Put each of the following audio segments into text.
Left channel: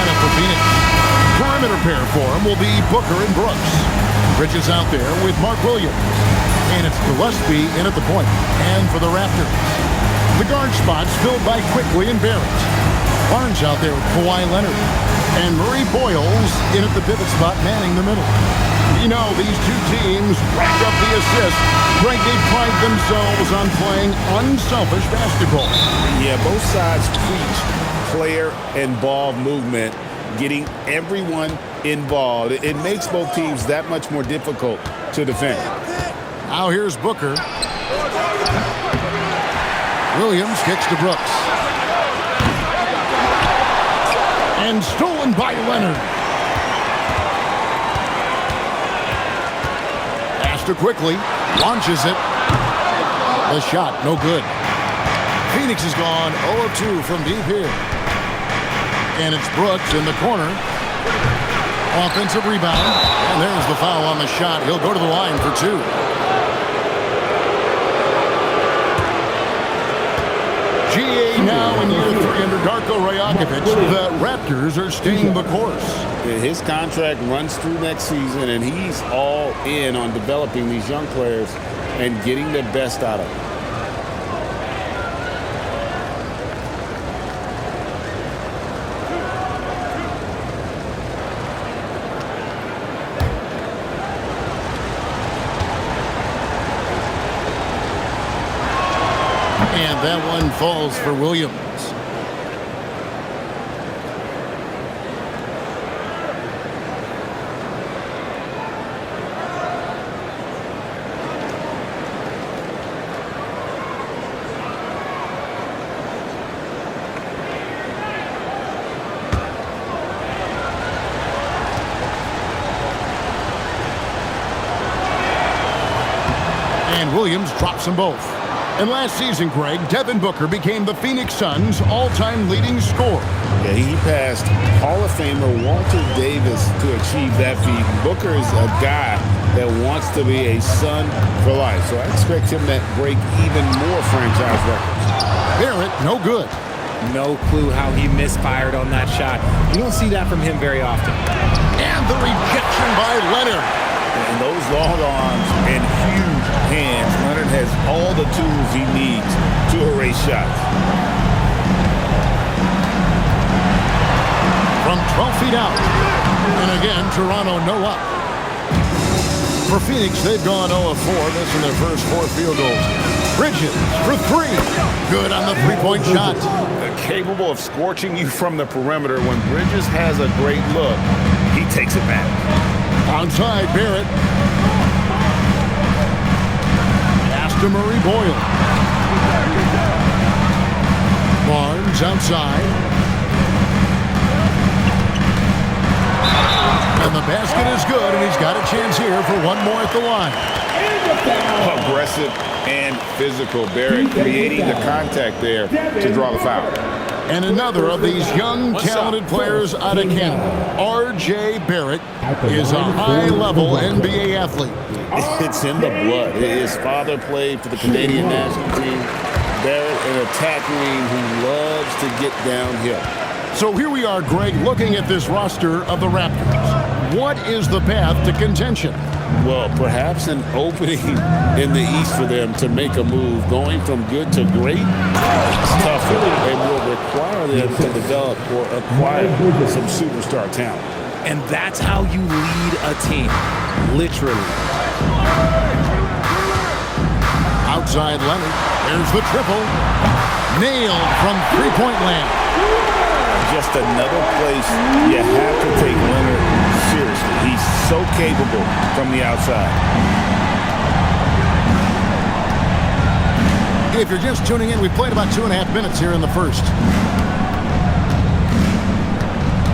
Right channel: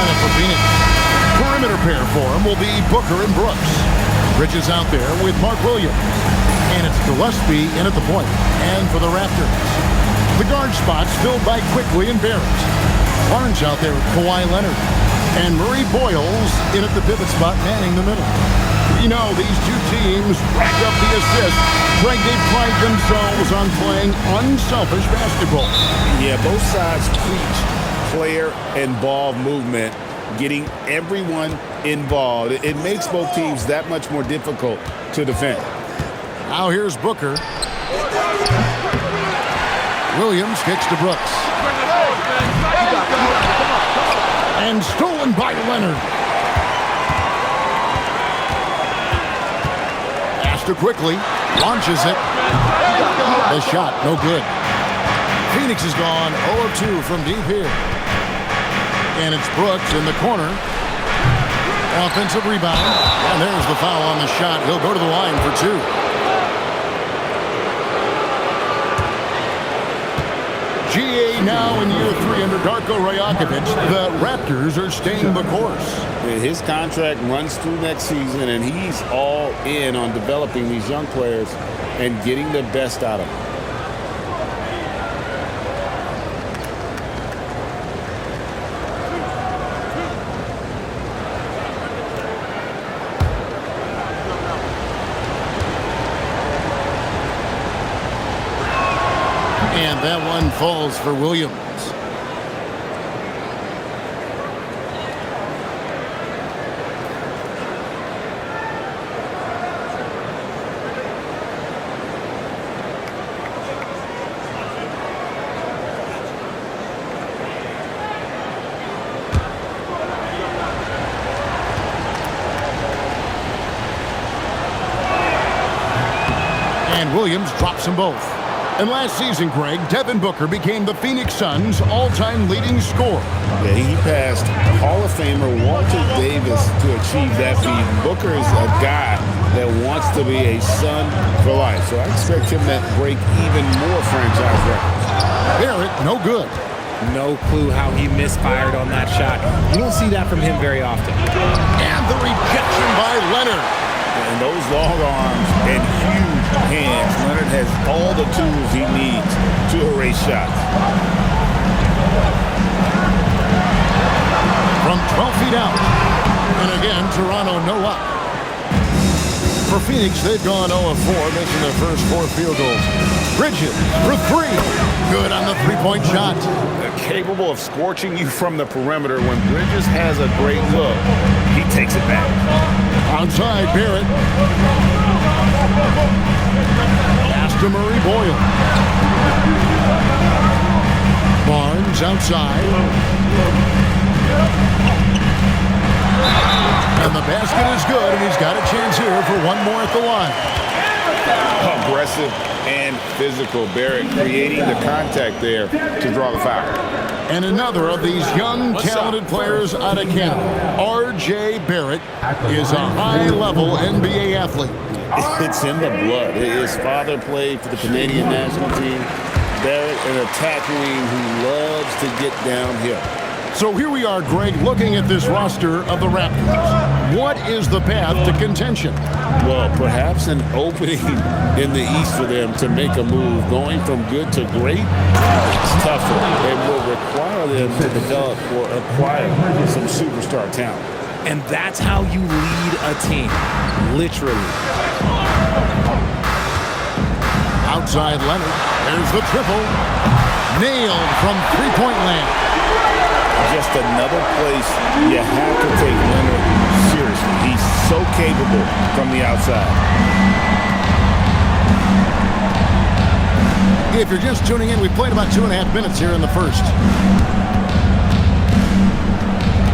lineup for Phoenix. Perimeter pair for him will be Booker and Brooks. Bridges out there with Mark Williams. And it's Gillespie in at the point. And for the Raptors, the guard spots filled by Quickly and Barrett. Barnes out there with Kawhi Leonard. And Murray Boyles in at the pivot spot, manning the middle. We know these two teams rack up the assists. Greg, they pride themselves on playing unselfish basketball. Yeah, both sides preach player and ball movement, getting everyone involved. It makes both teams that much more difficult to defend. Now here's Booker. Williams kicks to Brooks. And stolen by Leonard. Pass to Quickly. Launches it. The shot, no good. Phoenix has gone 0 of 2 from deep here. And it's Brooks in the corner. Offensive rebound. And there's the foul on the shot. He'll go to the line for 2. GA now in year 3 under Darko Rajakovic. The Raptors are staying the course. His contract runs through next season, and he's all in on developing these young players and getting the best out of them. And that one falls for Williams. And Williams drops them both. And last season, Greg, Devin Booker became the Phoenix Suns' all-time leading scorer. Yeah, he passed Hall of Famer Walter Davis to achieve that feat. Booker is a guy that wants to be a Sun for life, so I expect him to break even more franchise records. Barrett, no good. No clue how he misfired on that shot. You don't see that from him very often. And the rejection by Leonard. And those long arms and huge hands, Leonard has all the tools he needs to erase shots. From 12 feet out. And again, Toronto no up. For Phoenix, they've gone 0 of 4, missing their first 4 field goals. Bridges for 3. Good on the three-point shot. Capable of scorching you from the perimeter. When Bridges has a great look, he takes it back. Outside, Barrett. Pass to Murray Boyle. Barnes outside. And the basket is good, and he's got a chance here for one more at the line. Aggressive and physical. Barrett creating the contact there to draw the foul. And another of these young, talented players out of Canada, R.J. Barrett, is a high-level NBA athlete. It's in the blood. His father played for the Canadian national team. Barrett, an attack wing who loves to get downhill. So here we are, Greg, looking at this roster of the Raptors. What is the path to contention? Well, perhaps an opening in the East for them to make a move. Going from good to great is tougher and will require them to develop or acquire some superstar talent. And that's how you lead a team, literally. Outside Leonard. There's the triple. Nailed from three-point land. Just another place you have to take Leonard seriously. He's so capable from the outside. If you're just tuning in, we played about 2.5 minutes here in the first.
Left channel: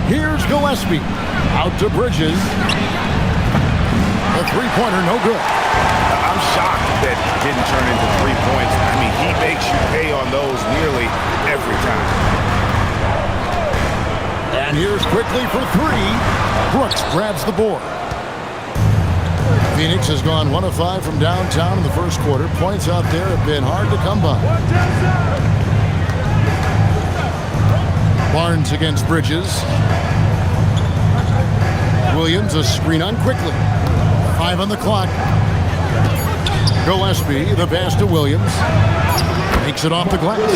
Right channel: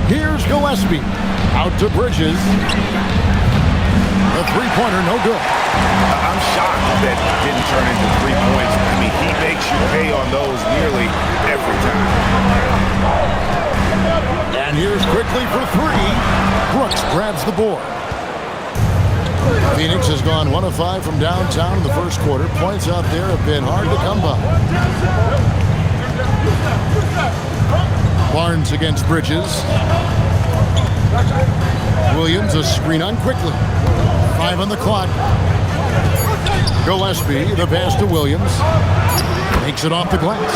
Here's Gillespie. Out to Bridges. The three-pointer, no good. I'm shocked that didn't turn into 3 points. I mean, he makes you pay on those nearly every time. And here's Quickly for 3. Brooks grabs the board. Phoenix has gone 1 of 5 from downtown in the first quarter. Points out there have been hard to come by. Barnes against Bridges. Williams, a screen on quickly. 5 on the clock. Gillespie, the pass to Williams. Makes it off the glass.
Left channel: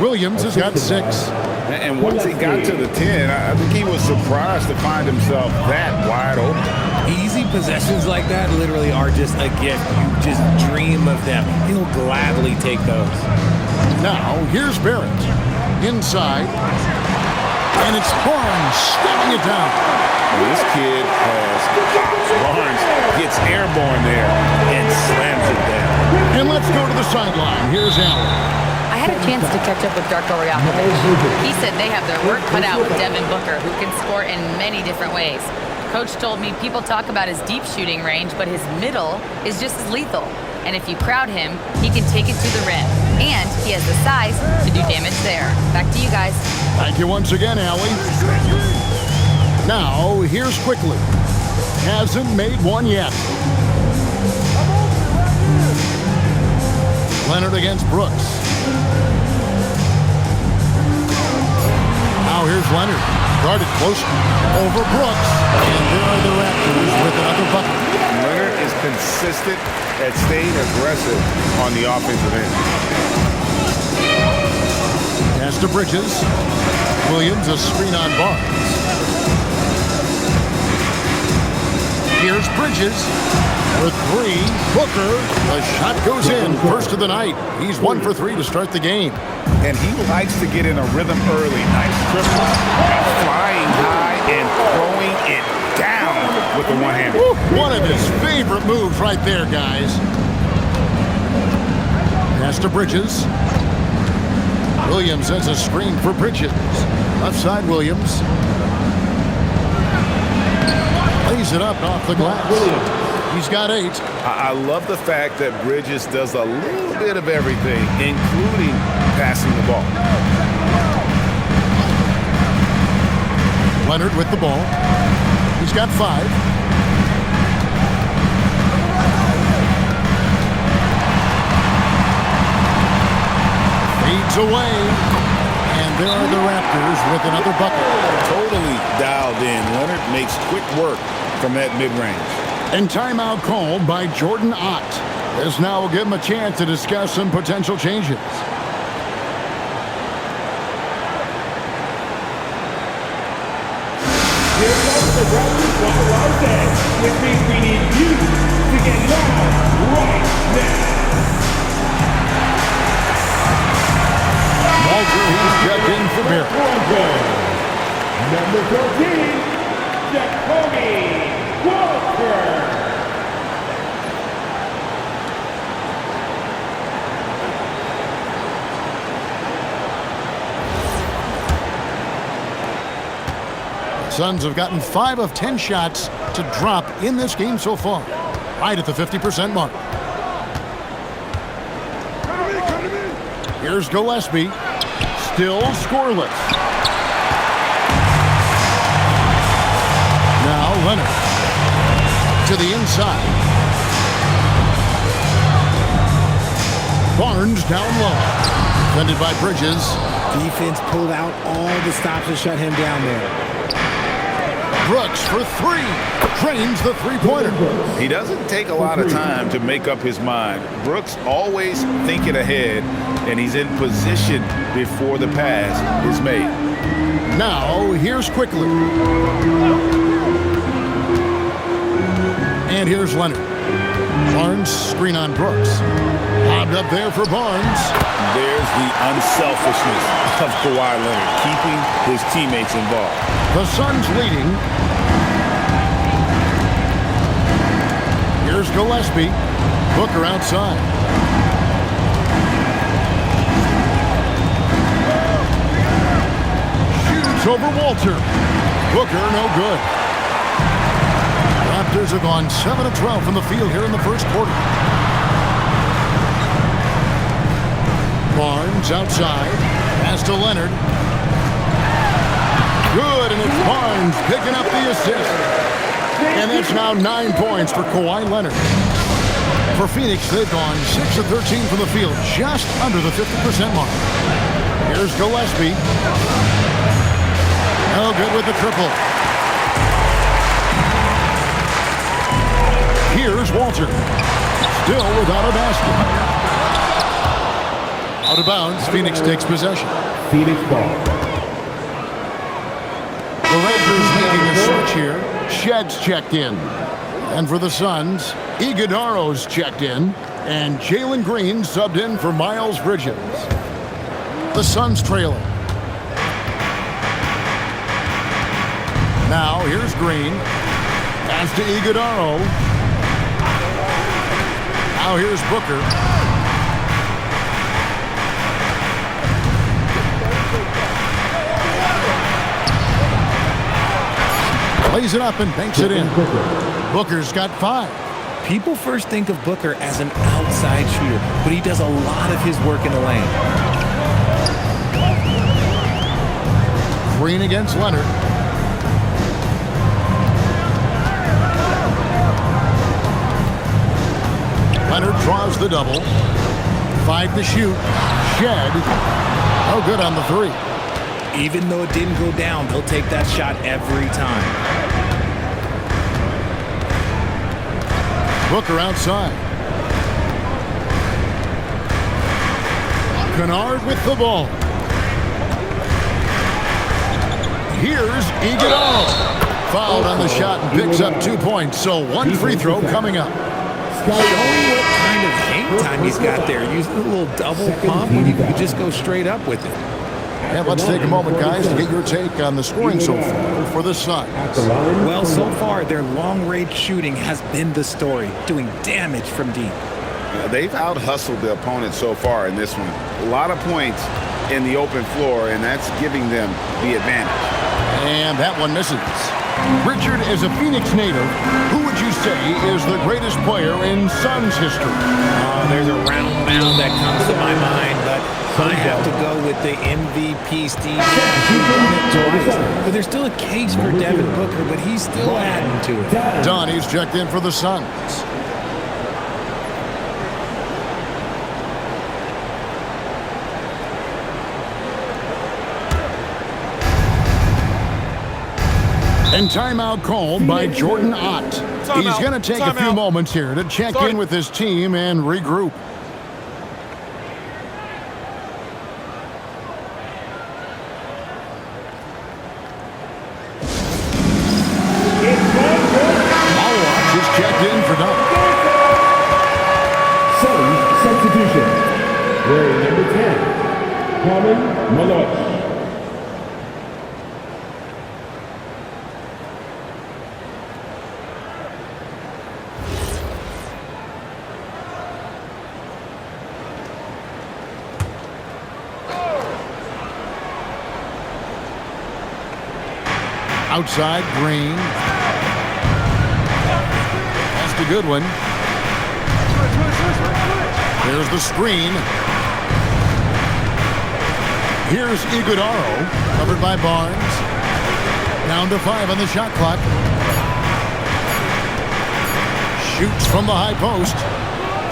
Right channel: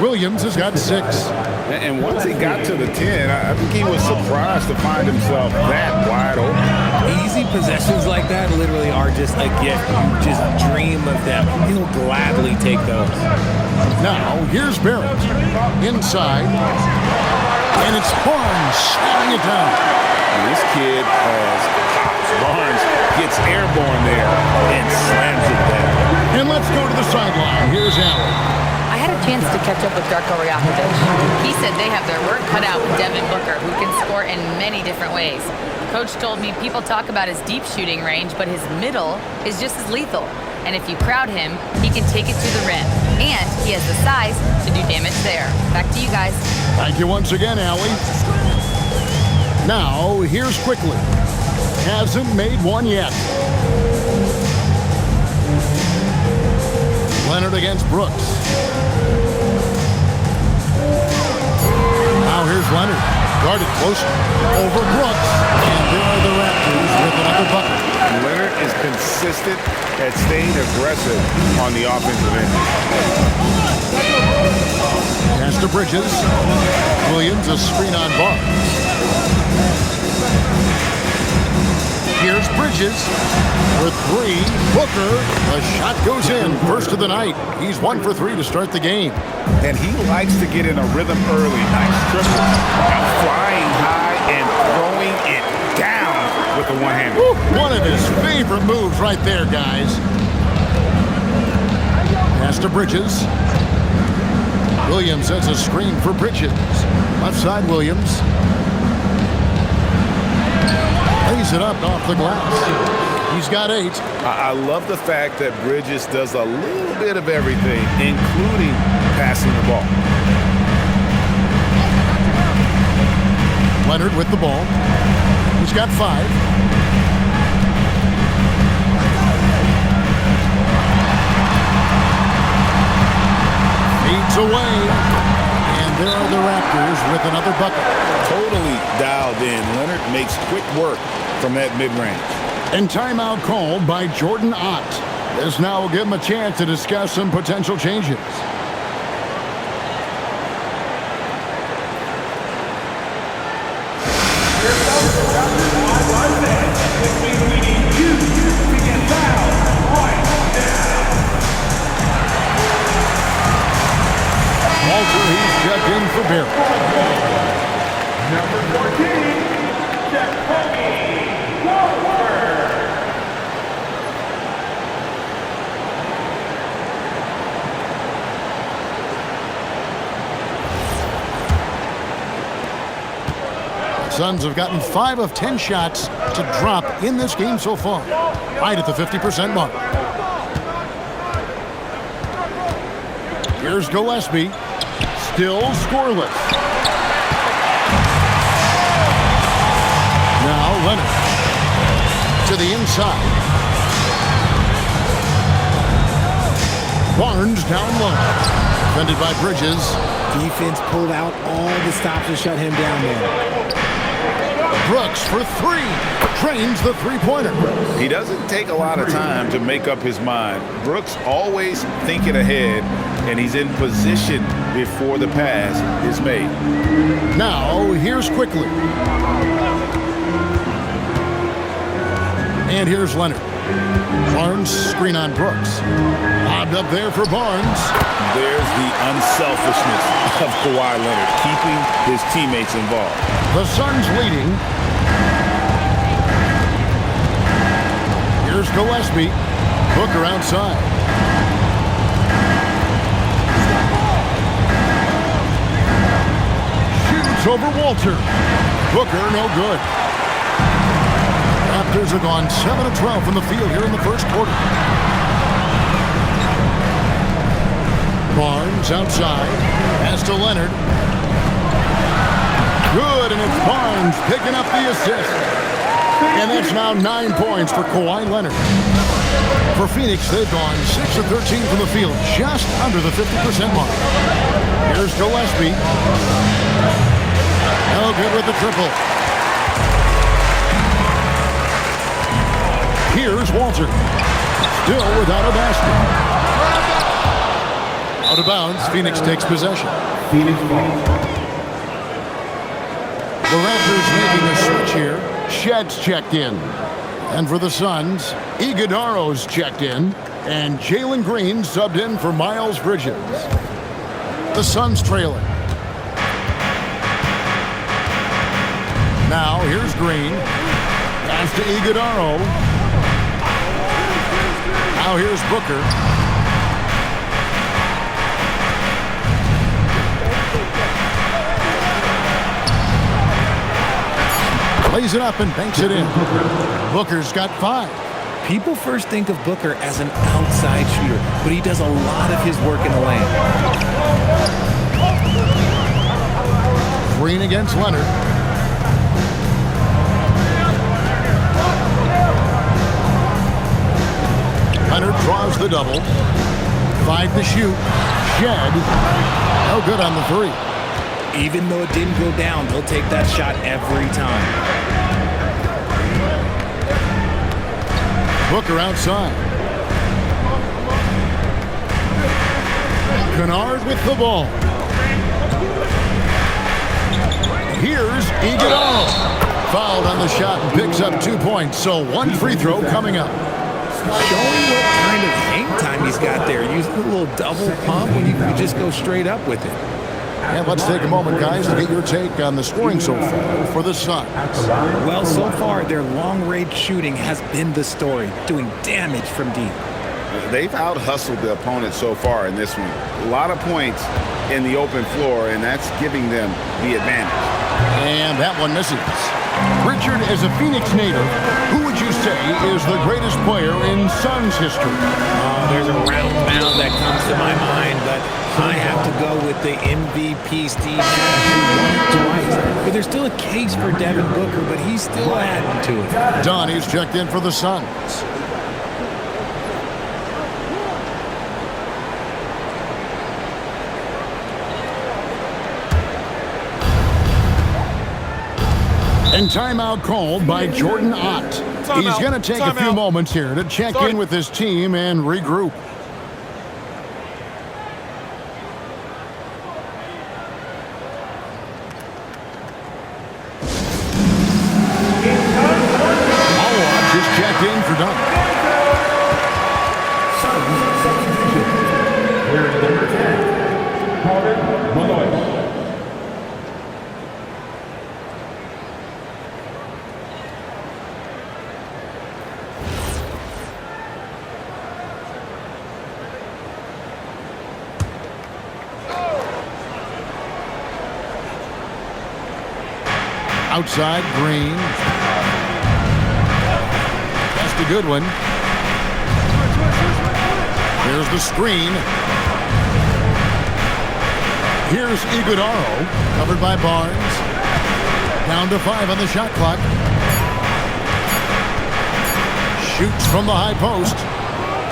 Williams has got 6. And once he got to the 10, I think he was surprised to find himself that wide open. Easy possessions like that literally are just a gift. You just dream of them. He'll gladly take those. Now, here's Barrett. Inside. And it's Barnes slamming it down. This kid has hops. Barnes gets airborne there and slams it down. And let's go to the sideline. Here's Allen. I had a chance to catch up with Darko Rajakovic. He said they have their work cut out with Devin Booker, who can score in many different ways. Coach told me people talk about his deep shooting range, but his middle is just as lethal. And if you crowd him, he can take it to the rim. And he has the size to do damage there. Back to you guys. Thank you once again, Allie. Now, here's Quickly. Hasn't made one yet. Leonard against Brooks. Now here's Leonard. Guarded close over Brooks. And there are the Raptors with another bucket. Leonard is consistent at staying aggressive on the offensive end. Pass to Bridges. Williams, a screen on Barnes. Here's Bridges for 3. Booker, the shot goes in. First of the night. He's 1 for 3 to start the game. And he likes to get in a rhythm early. Nice triple. Now flying high and throwing it down with the one-hander. One of his favorite moves right there, guys. Pass to Bridges. Williams has a screen for Bridges. Left side, Williams. Lays it up off the glass. He's got 8. I love the fact that Bridges does a little bit of everything, including passing the ball. Leonard with the ball. He's got 5. Fades away. And there are the Raptors with another bucket. Totally dialed in. Leonard makes quick work from that mid-range. And timeout called by Jordan Ott. This now will give him a chance to discuss some potential changes. Here comes the Raptors wide set, which means we need you to get loud right now. Walter, he's checked in for Barrett. Number 14, Jacoby Walker. Suns have gotten 5 of 10 shots to drop in this game so far, right at the 50% mark. Here's Gillespie, still scoreless. Now Leonard to the inside. Barnes down low, defended by Bridges. Defense pulled out all the stops to shut him down there. Brooks for 3. Trains the three-pointer. He doesn't take a lot of time to make up his mind. Brooks always thinking ahead, and he's in position before the pass is made. Now, here's Quickly. And here's Leonard. Barnes, screen on Brooks. Lobbed up there for Barnes. There's the unselfishness of Kawhi Leonard, keeping his teammates involved. The Suns leading. Here's Gillespie. Booker outside. Shoots over Walter. Booker, no good. Raptors have gone 7 of 12 from the field here in the first quarter. Barnes outside. Pass to Leonard. Good, and it's Barnes picking up the assist. And that's now 9 points for Kawhi Leonard. For Phoenix, they've gone 6 of 13 from the field, just under the 50% mark. Here's Gillespie. No good with the triple. Here's Walter. Still without a basket. Out of bounds, Phoenix takes possession. Phoenix ball. The Raptors making a switch here. Shedd's checked in. And for the Suns, Iguodaro's checked in. And Jalen Green subbed in for Miles Bridges. The Suns trailing. Now here's Green. Pass to Iguodaro. Now here's Booker. Lays it up and banks it in. Booker's got 5. People first think of Booker as an outside shooter, but he does a lot of his work in the lane. Green against Leonard. Leonard draws the double. 5 to shoot. Shed. No good on the 3. Even though it didn't go down, they'll take that shot every time. Booker outside. Kennard with the ball. Here's Iguodaro. Fouled on the shot and picks up 2 points. So 1 free throw coming up. Showing what kind of hang time he's got there. Using a little double pump when you could just go straight up with it. And let's take a moment, guys, to get your take on the scoring so far for the Suns. Well, so far, their long-range shooting has been the story, doing damage from deep. They've out-hustled the opponent so far in this one. A lot of points in the open floor, and that's giving them the advantage. And that one misses. Richard, as a Phoenix native, who would you say is the greatest player in Suns history? There's a round mound that comes to my mind, but I have to go with the MVP Steve Nash, who won it twice. But there's still a case for Devin Booker, but he's still adding to it. Donnie's checked in for the Suns. And timeout called by Jordan Ott. He's going to take a few moments here to check in with his team and regroup. Malwatch is checked in for dunk. Suns substitution. Wearing number 10, Carmen Malloy. Outside, Green. That's a good one. There's the screen. Here's Iguodaro, covered by Barnes. Down to 5 on the shot clock. Shoots from the high post.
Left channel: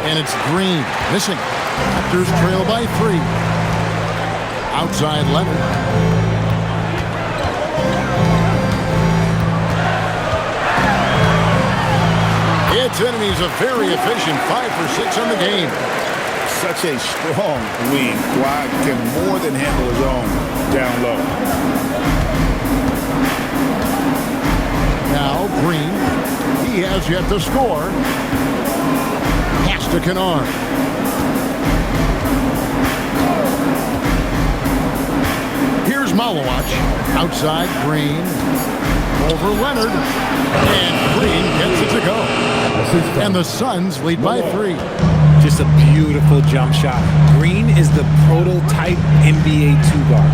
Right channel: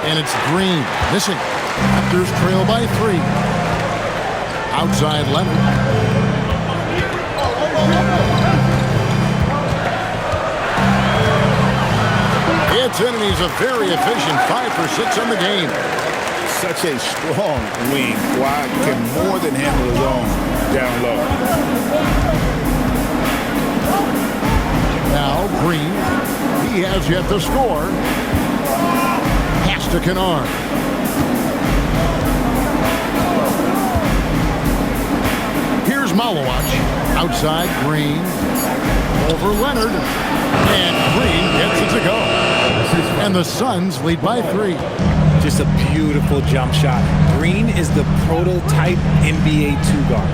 And it's Green, missing. Raptors trail by 3. Outside, Leonard. Gets in, and he's a very efficient 5 for 6 on the game. Such a strong wing. Kawhi can more than handle his own down low. Now Green, he has yet to score. Pass to Kennard. Here's Malowacz. Outside, Green. Over Leonard. And Green gets it to go. And the Suns lead by 3. Just a beautiful jump shot. Green is the prototype NBA 2 guard.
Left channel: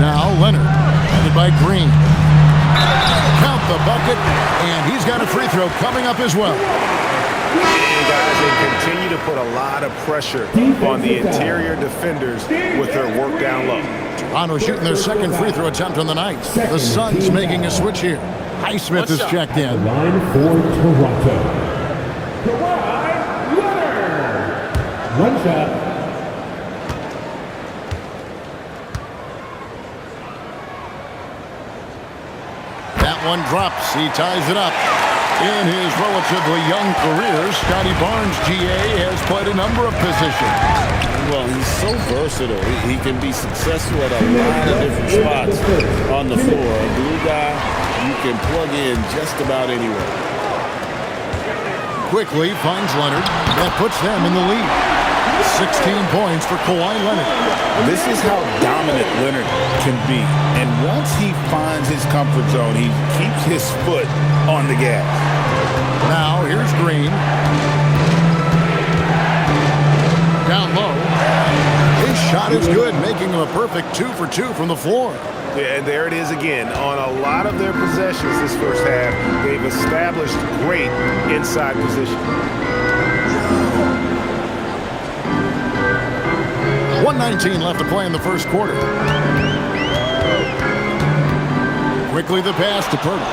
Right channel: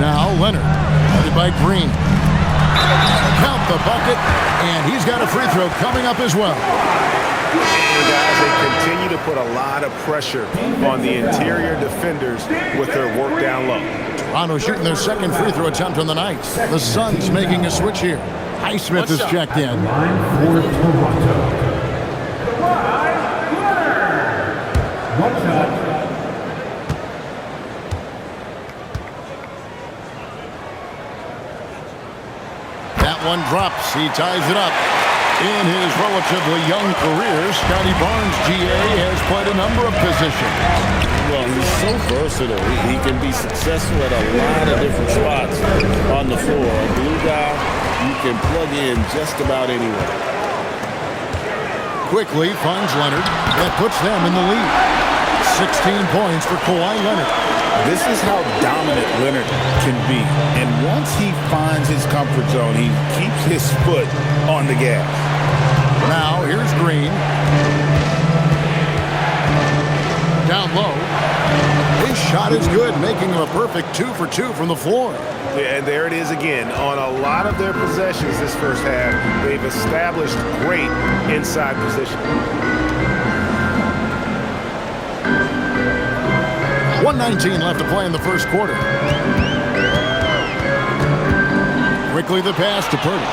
Now Leonard, headed by Green. Count the bucket, and he's got a free throw coming up as well. And guys, they continue to put a lot of pressure on the interior defenders with their work down low. Toronto shooting their second free throw attempt on the night. The Suns making a switch here. Highsmith is checked in. Line for Toronto. Kawhi Leonard. One shot. That one drops. He ties it up. In his relatively young career, Scotty Barnes, GA, has played a number of positions. Well, he's so versatile. He can be successful at a lot of different spots on the floor. A glue guy you can plug in just about anywhere. Quickly finds Leonard. That puts them in the lead. 16 points for Kawhi Leonard. This is how dominant Leonard can be. And once he finds his comfort zone, he keeps his foot on the gas. Now here's Green. Down low. His shot is good, making him a perfect 2 for 2 from the floor. Yeah, and there it is again. On a lot of their possessions this first half, they've established great inside position. 1:19 left to play in the first quarter. Quickly the pass to Purtle.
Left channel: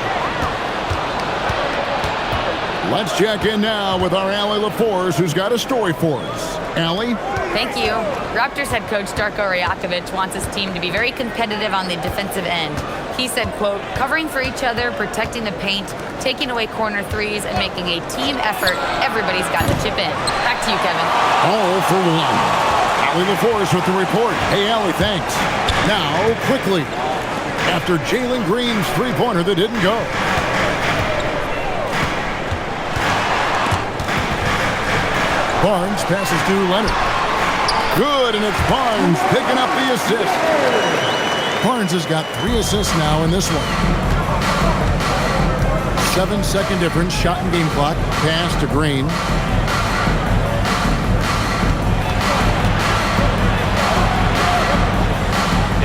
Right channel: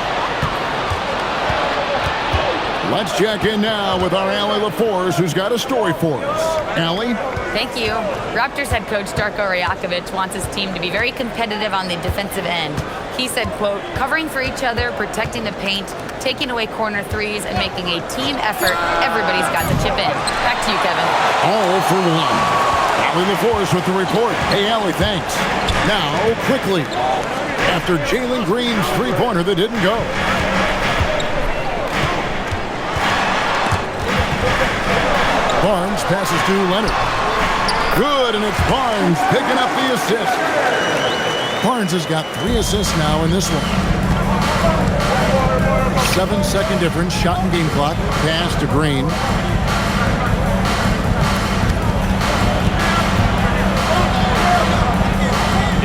Let's check in now with our Allie LaForce, who's got a story for us. Allie? Thank you. Raptors head coach Darko Rajakovic wants his team to be very competitive on the defensive end. He said, quote, covering for each other, protecting the paint, taking away corner threes, and making a team effort. Everybody's got to chip in. Back to you, Kevin. All for one. Allie LaForce with the report. Hey, Allie, thanks. Now, quickly, after Jalen Green's three-pointer that didn't go. Barnes passes to Leonard. Good, and it's Barnes picking up the assist. Barnes has got 3 assists now in this one. 7-second difference, shot and game clock. Pass to Green.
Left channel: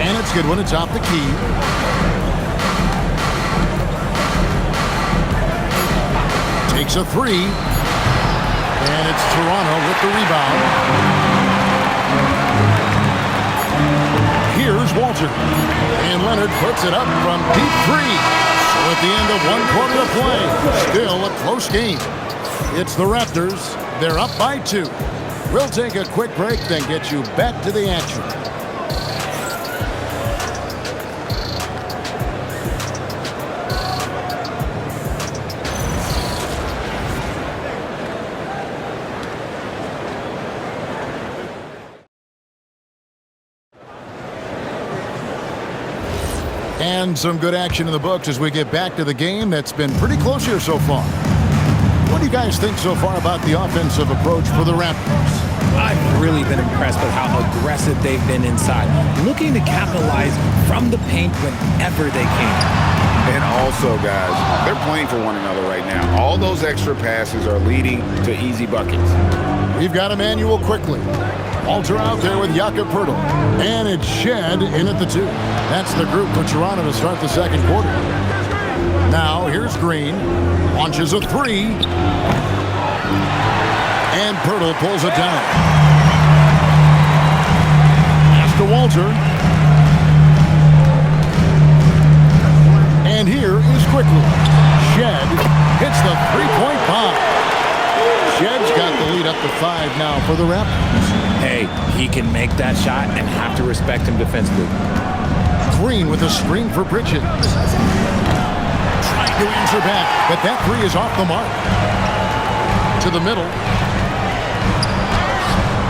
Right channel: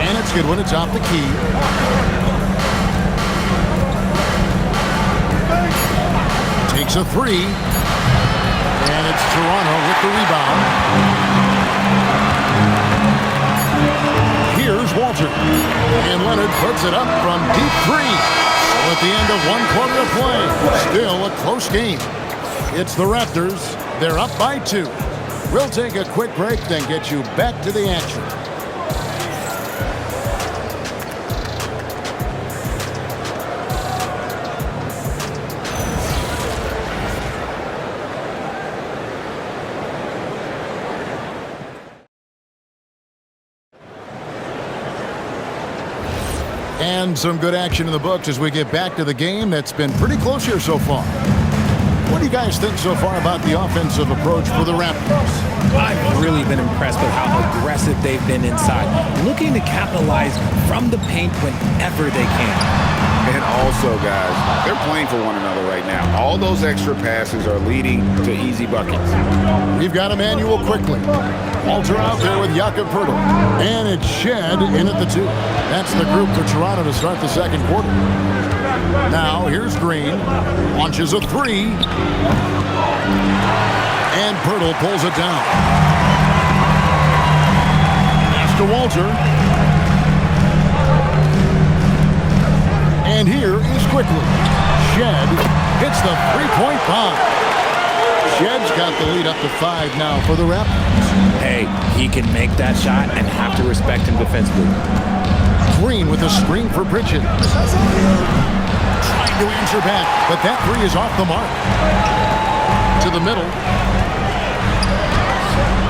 And it's good when it's off the key. Takes a 3. And it's Toronto with the rebound. Here's Walter. And Leonard puts it up from deep 3. So at the end of 1 quarter to play, still a close game. It's the Raptors. They're up by 2. We'll take a quick break, then get you back to the action. And some good action in the books as we get back to the game that's been pretty close here so far. What do you guys think so far about the offensive approach for the Raptors? I've really been impressed with how aggressive they've been inside, looking to capitalize from the paint whenever they can. And also, guys, they're playing for one another right now. All those extra passes are leading to easy buckets. We've got Emmanuel quickly. Walter out there with Jakob Poeltl. And it's Shed in at the 2. That's the group for Toronto to start the second quarter. Now, here's Green. Launches a 3. And Poeltl pulls it down. Pass to Walter. And here is quickly. Shed hits the three-point bomb. Shed's got the lead up to 5 now for the Raptors. Hey, he can make that shot and have to respect him defensively. Green with a screen for Bridges. Trying to answer back, but that 3 is off the mark. To the middle.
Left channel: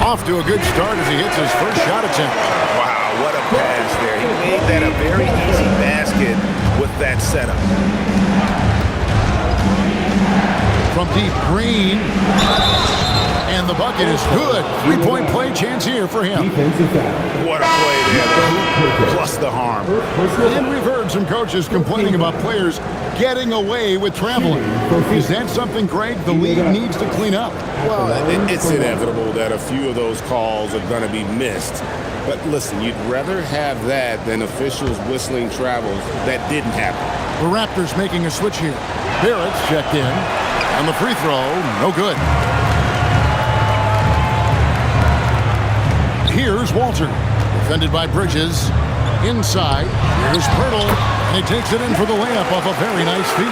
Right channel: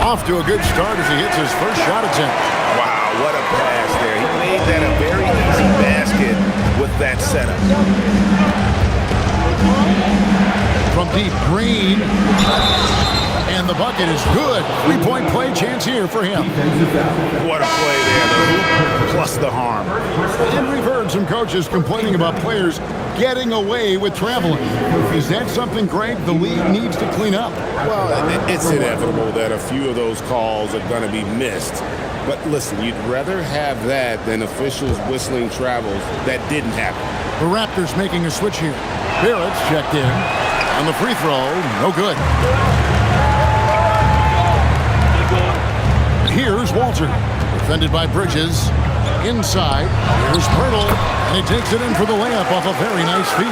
Off to a good start as he hits his first shot attempt. Wow, what a pass there. He made that a very easy basket with that setup. From deep, Green. And the bucket is good. 3-point play chance here for him. What a play there. The hoop plus the harm. And we've heard some coaches complaining about players getting away with traveling. Is that something, Greg, the league needs to clean up? Well, it's inevitable that a few of those calls are going to be missed. But listen, you'd rather have that than officials whistling travels that didn't happen. The Raptors making a switch here. Barrett's checked in. On the free throw, no good. Here's Walter, defended by Bridges. Inside, here's Poeltl, and he takes it in for the layup off a very nice feed.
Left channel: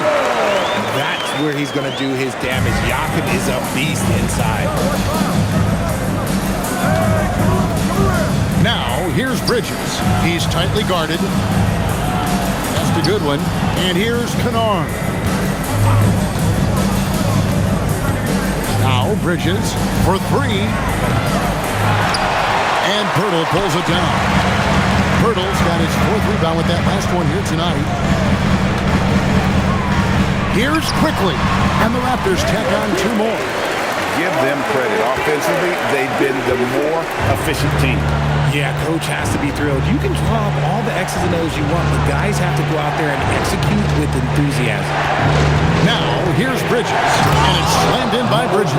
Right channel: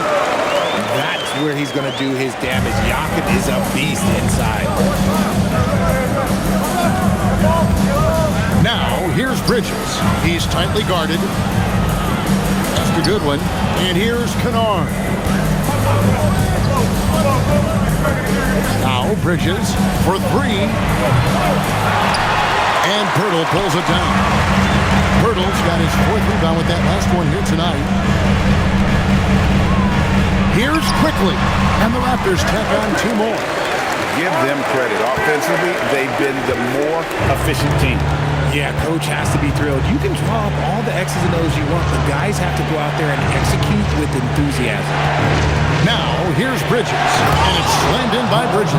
That's where he's going to do his damage. Jakob is a beast inside. Now, here's Bridges. He's tightly guarded. As missed a good one. And here's Kennard. Now Bridges for three. And Pirtle pulls it down. Pirtle's got his fourth rebound with that last one here tonight. Here's Quickly. And the Raptors tack on two more. Give them credit. Offensively, they've been the more efficient team. Yeah, coach has to be thrilled. You can draw up all the X's and O's you want, but guys have to go out there and execute with enthusiasm. Now, here's Bridges, and it's slammed in by Bridges.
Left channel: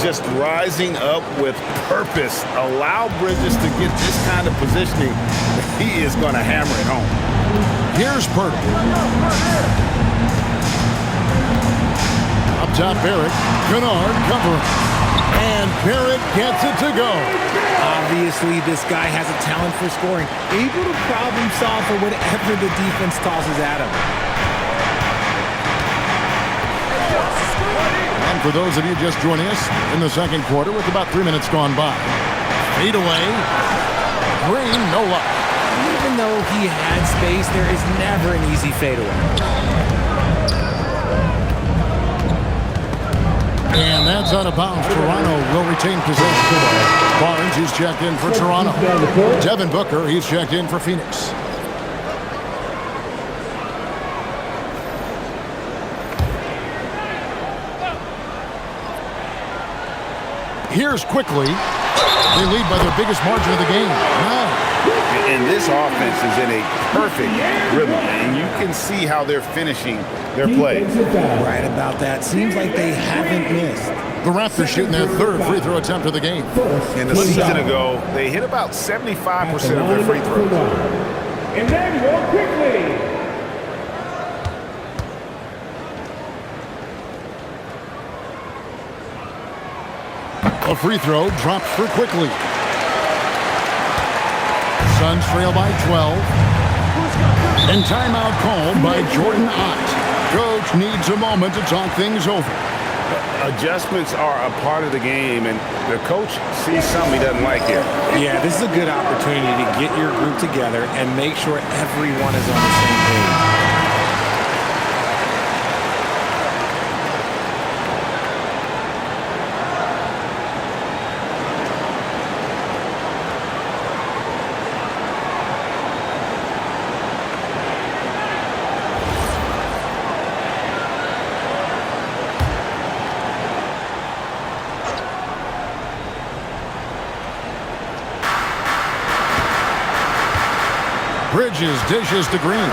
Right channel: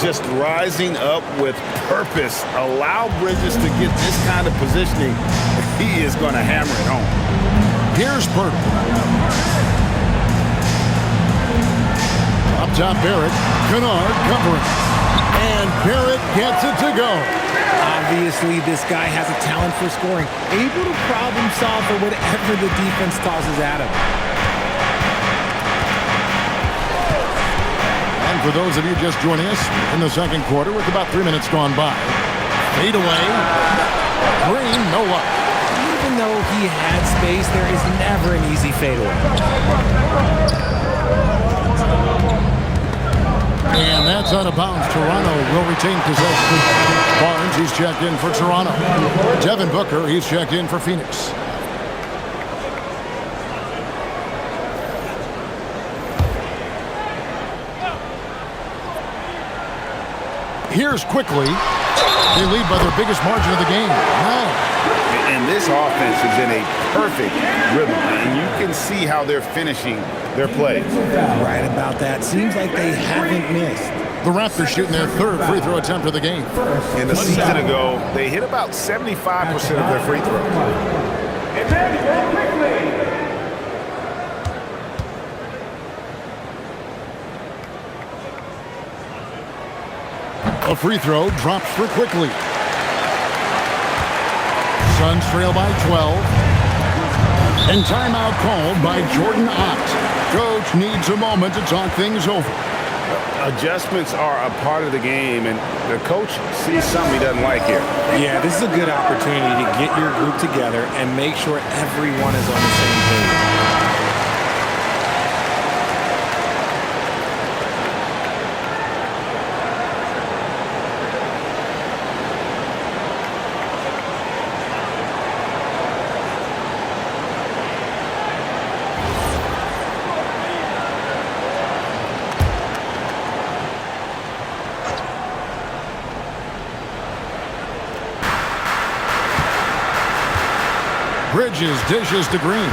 Just rising up with purpose. Allow Bridges to get this kind of positioning. He is going to hammer it home. Here's Pirtle. Up top, Barrett. Kennard covering. And Barrett gets it to go. Obviously, this guy has a talent for scoring, able to problem solve for whatever the defense tosses at him. And for those of you just joining us in the second quarter with about 3 minutes gone by, fade away. Green, no luck. Even though he had space, there is never an easy fadeaway. And that's out of bounds. Toronto will retain possession. Barnes, he's checked in for Toronto. Devin Booker, he's checked in for Phoenix. Here's Quickly. They lead by their biggest margin of the game, 9. And this offense is in a perfect rhythm, and you can see how they're finishing their plays. Right about that. Seems like they haven't missed. The Raptors shooting their third free throw attempt of the game. And a season ago, they hit about 75% of their free throws. Emmanuel Quickly. A free throw drops for Quickly. Suns trail by 12. And timeout called by Jordan Ott. Coach needs a moment to talk things over. Adjustments are a part of the game, and the coach sees something he doesn't like here. Yeah, this is a good opportunity to get your group together and make sure everyone is on the same page. Bridges dishes to Green.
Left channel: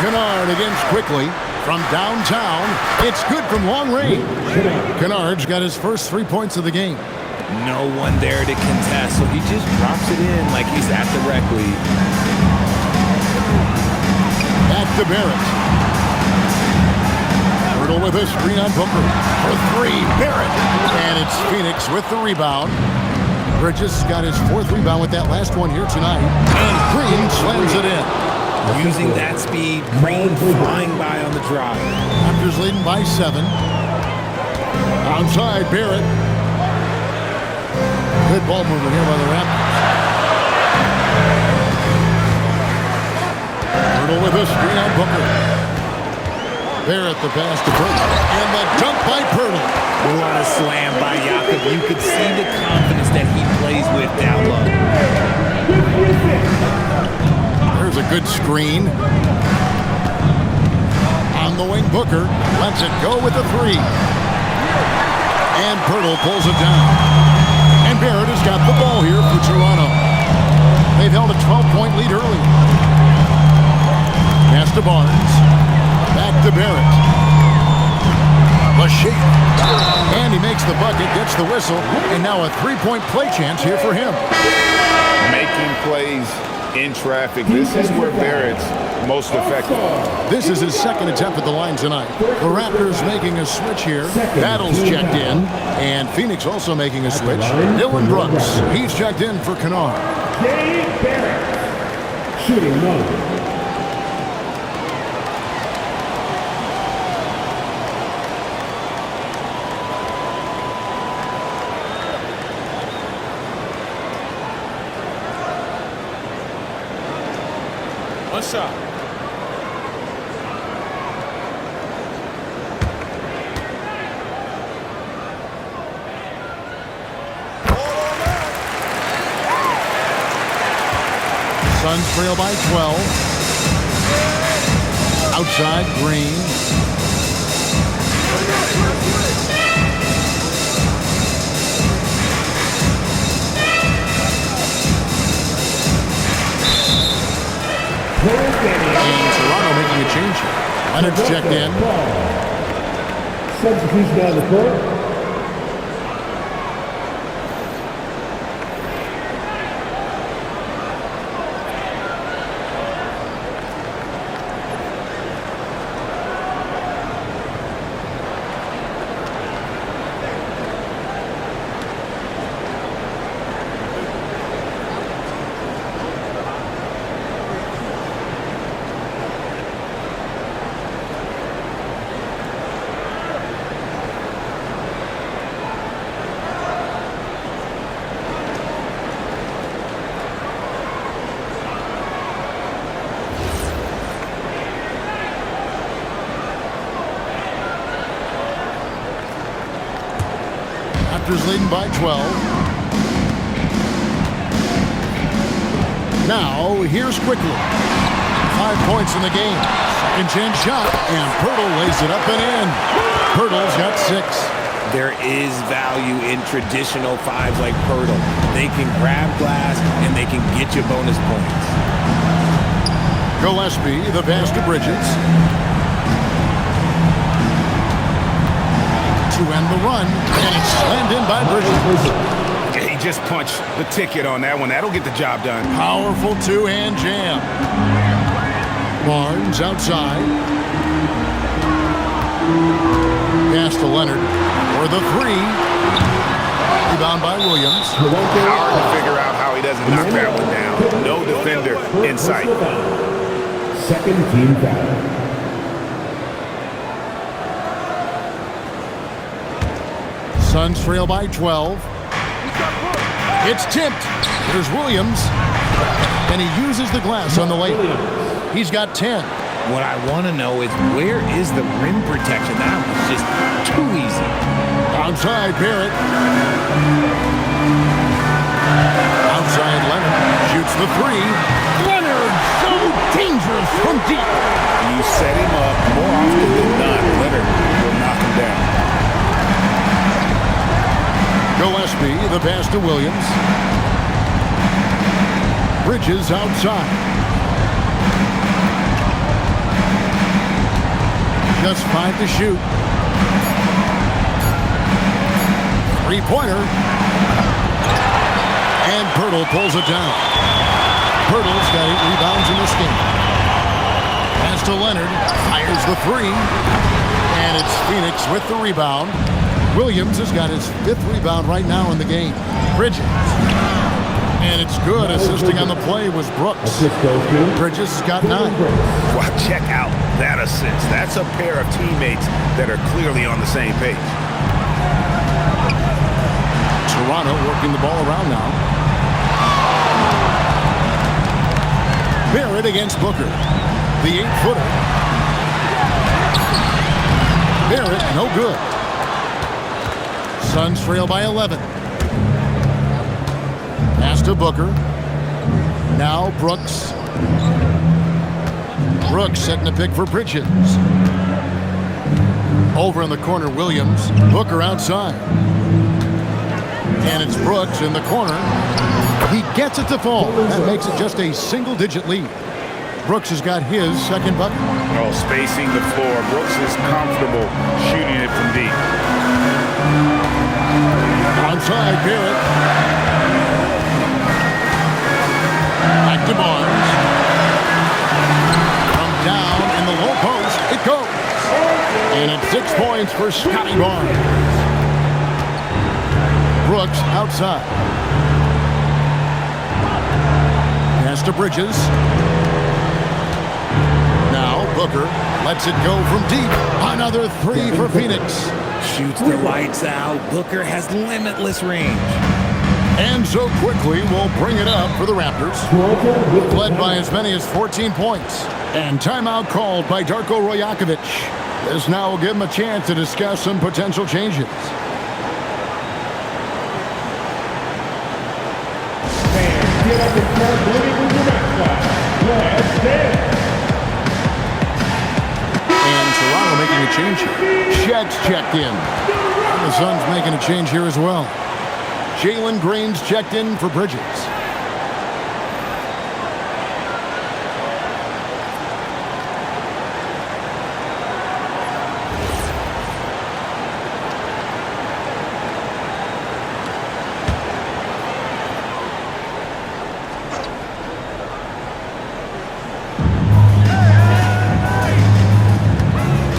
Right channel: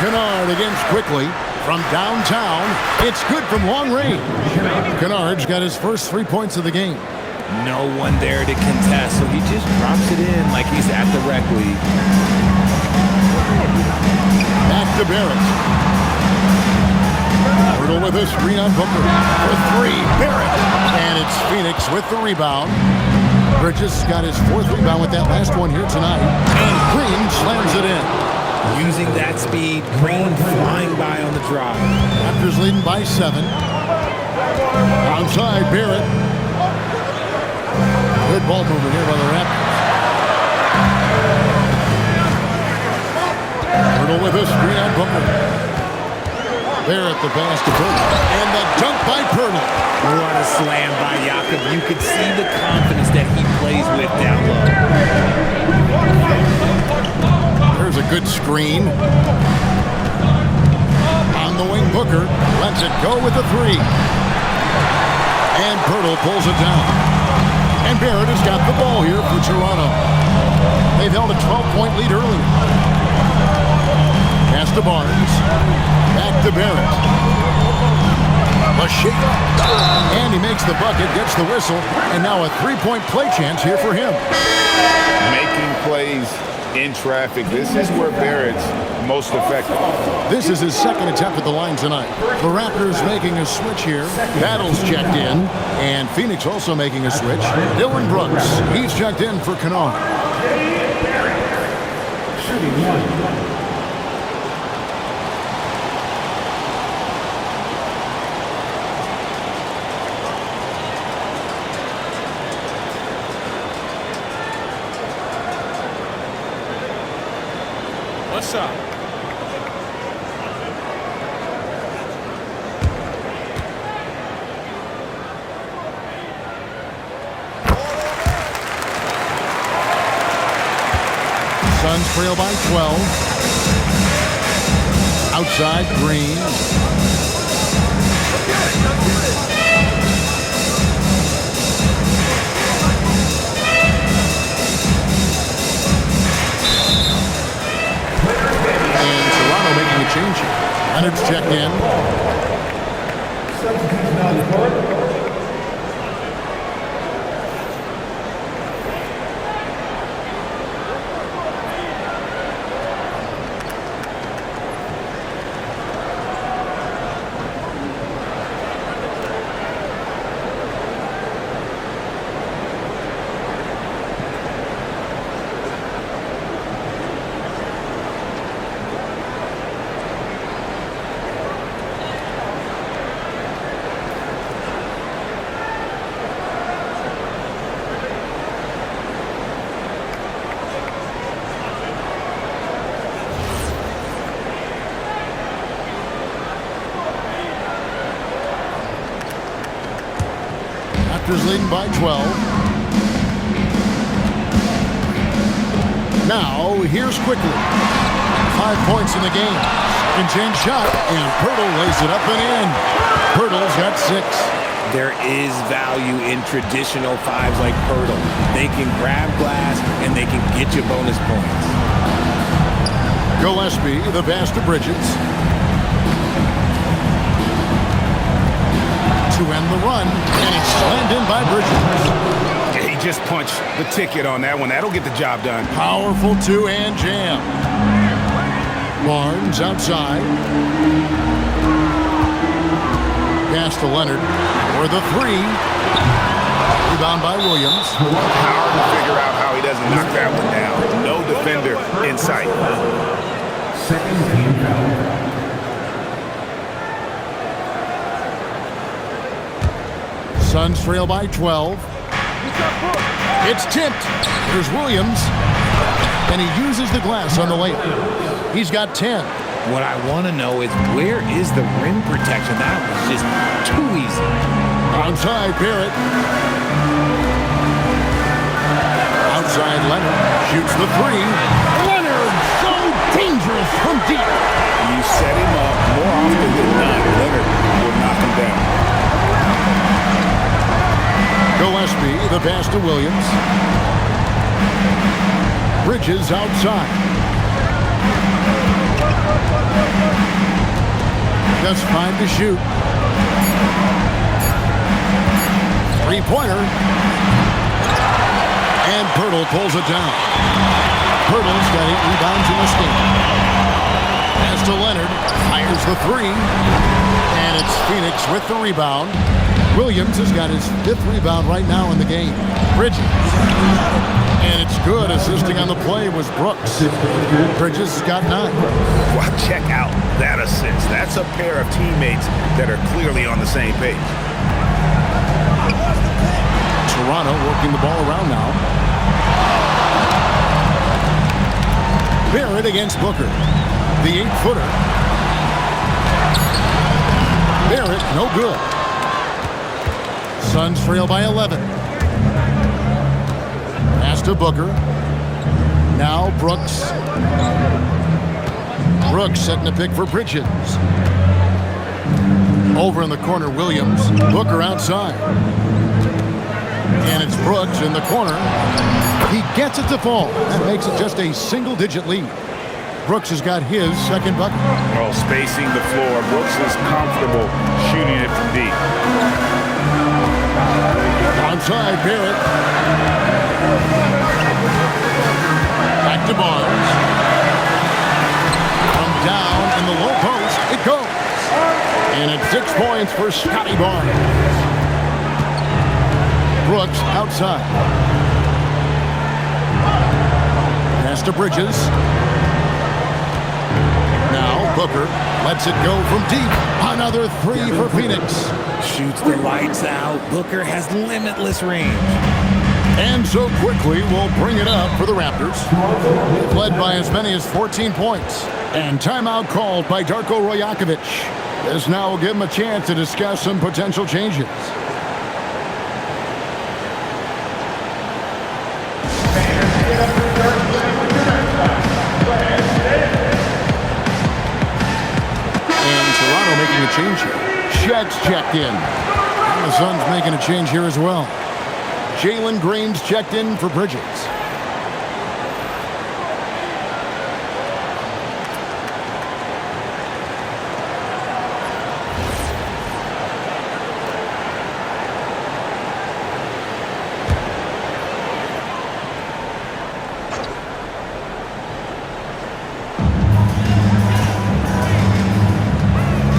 Kennard against Quickly from downtown. It's good from long range. Kennard's got his first 3 points of the game. No one there to contest, so he just drops it in like he's at the rec league. Back to Barrett. Pirtle with a screen on Booker for 3. Barrett. And it's Phoenix with the rebound. Bridges got his fourth rebound with that last one here tonight. And Green slams it in. Using that speed, Green flying by on the drive. Raptors leading by 7. Outside, Barrett. Good ball movement here by the Raptors. Pirtle with a screen on Booker. Barrett the pass to Pirtle. And the dunk by Pirtle. What a slam by Jakob. You could see the confidence that he plays with down low. There's a good screen. On the wing, Booker lets it go with a 3. And Pirtle pulls it down. And Barrett has got the ball here for Toronto. They've held a 12-point lead early. Pass to Barnes. Back to Barrett. A shake. And he makes the bucket, gets the whistle, and now a 3-point play chance here for him. Making plays in traffic. This is where Barrett's most effective. This is his second attempt at the line tonight. The Raptors making a switch here. Battle's checked in, and Phoenix also making a switch. Dylan Brooks, he's checked in for Kennard. Barrett. Shooting 1. One shot. Suns trail by 12. Outside, Green. And Toronto making a change here. Leonard's checked in. Substitution on the court. Raptors leading by 12. Now, here's quickly. 5 points in the game. Second chance shot, and Pirtle lays it up and in. Pirtle's got 6. There is value in traditional fives like Pirtle. They can grab glass, and they can get you bonus points. Gillespie, the pass to Bridges. To end the run, and it's slammed in by Bridges. He just punched the ticket on that one. That'll get the job done. Powerful two-hand jam. Barnes outside. Pass to Leonard for the 3. Rebound by Williams. Hard to figure out how he doesn't knock that one down. No defender in sight. Second team foul. Suns trail by 12. It's tipped. There's Williams. And he uses the glass on the layup. He's got 10. What I want to know is where is the rim protection? That was just too easy. Outside, Barrett. Outside, Leonard. Shoots the 3. Leonard, so dangerous from deep. You set him up more often than not. Leonard will knock him down. Gillespie, the pass to Williams. Bridges outside. Just 5 to shoot. 3-pointer. And Pirtle pulls it down. Pirtle's got 8 rebounds in this game. Pass to Leonard. Fires the 3. And it's Phoenix with the rebound. Williams has got his 5th rebound right now in the game. Bridges. And it's good. Assisting on the play was Brooks. Bridges has got 9. Well, check out that assist. That's a pair of teammates that are clearly on the same page. Toronto working the ball around now. Barrett against Booker. The 8-footer. Barrett, no good. Suns trail by 11. Pass to Booker. Now Brooks. Brooks setting a pick for Bridges. Over in the corner, Williams. Booker outside. And it's Brooks in the corner. He gets it to fall. That makes it just a single-digit lead. Brooks has got his 2nd bucket. Oh, spacing the floor. Brooks is comfortable shooting it from deep. Onside, Barrett. Back to Barnes. From down in the low post, it goes. And it's 6 points for Scotty Barnes. Brooks outside. Pass to Bridges. Now Booker lets it go from deep. Another 3 for Phoenix. Shoots the lights out. Booker has limitless range. And so quickly, we'll bring it up for the Raptors. They've led by as many as 14 points. And timeout called by Darko Rajakovic. This now will give him a chance to discuss some potential changes. And Toronto making a change here. Shedd's checked in. And the Suns making a change here as well. Jalen Green's checked in for Bridges.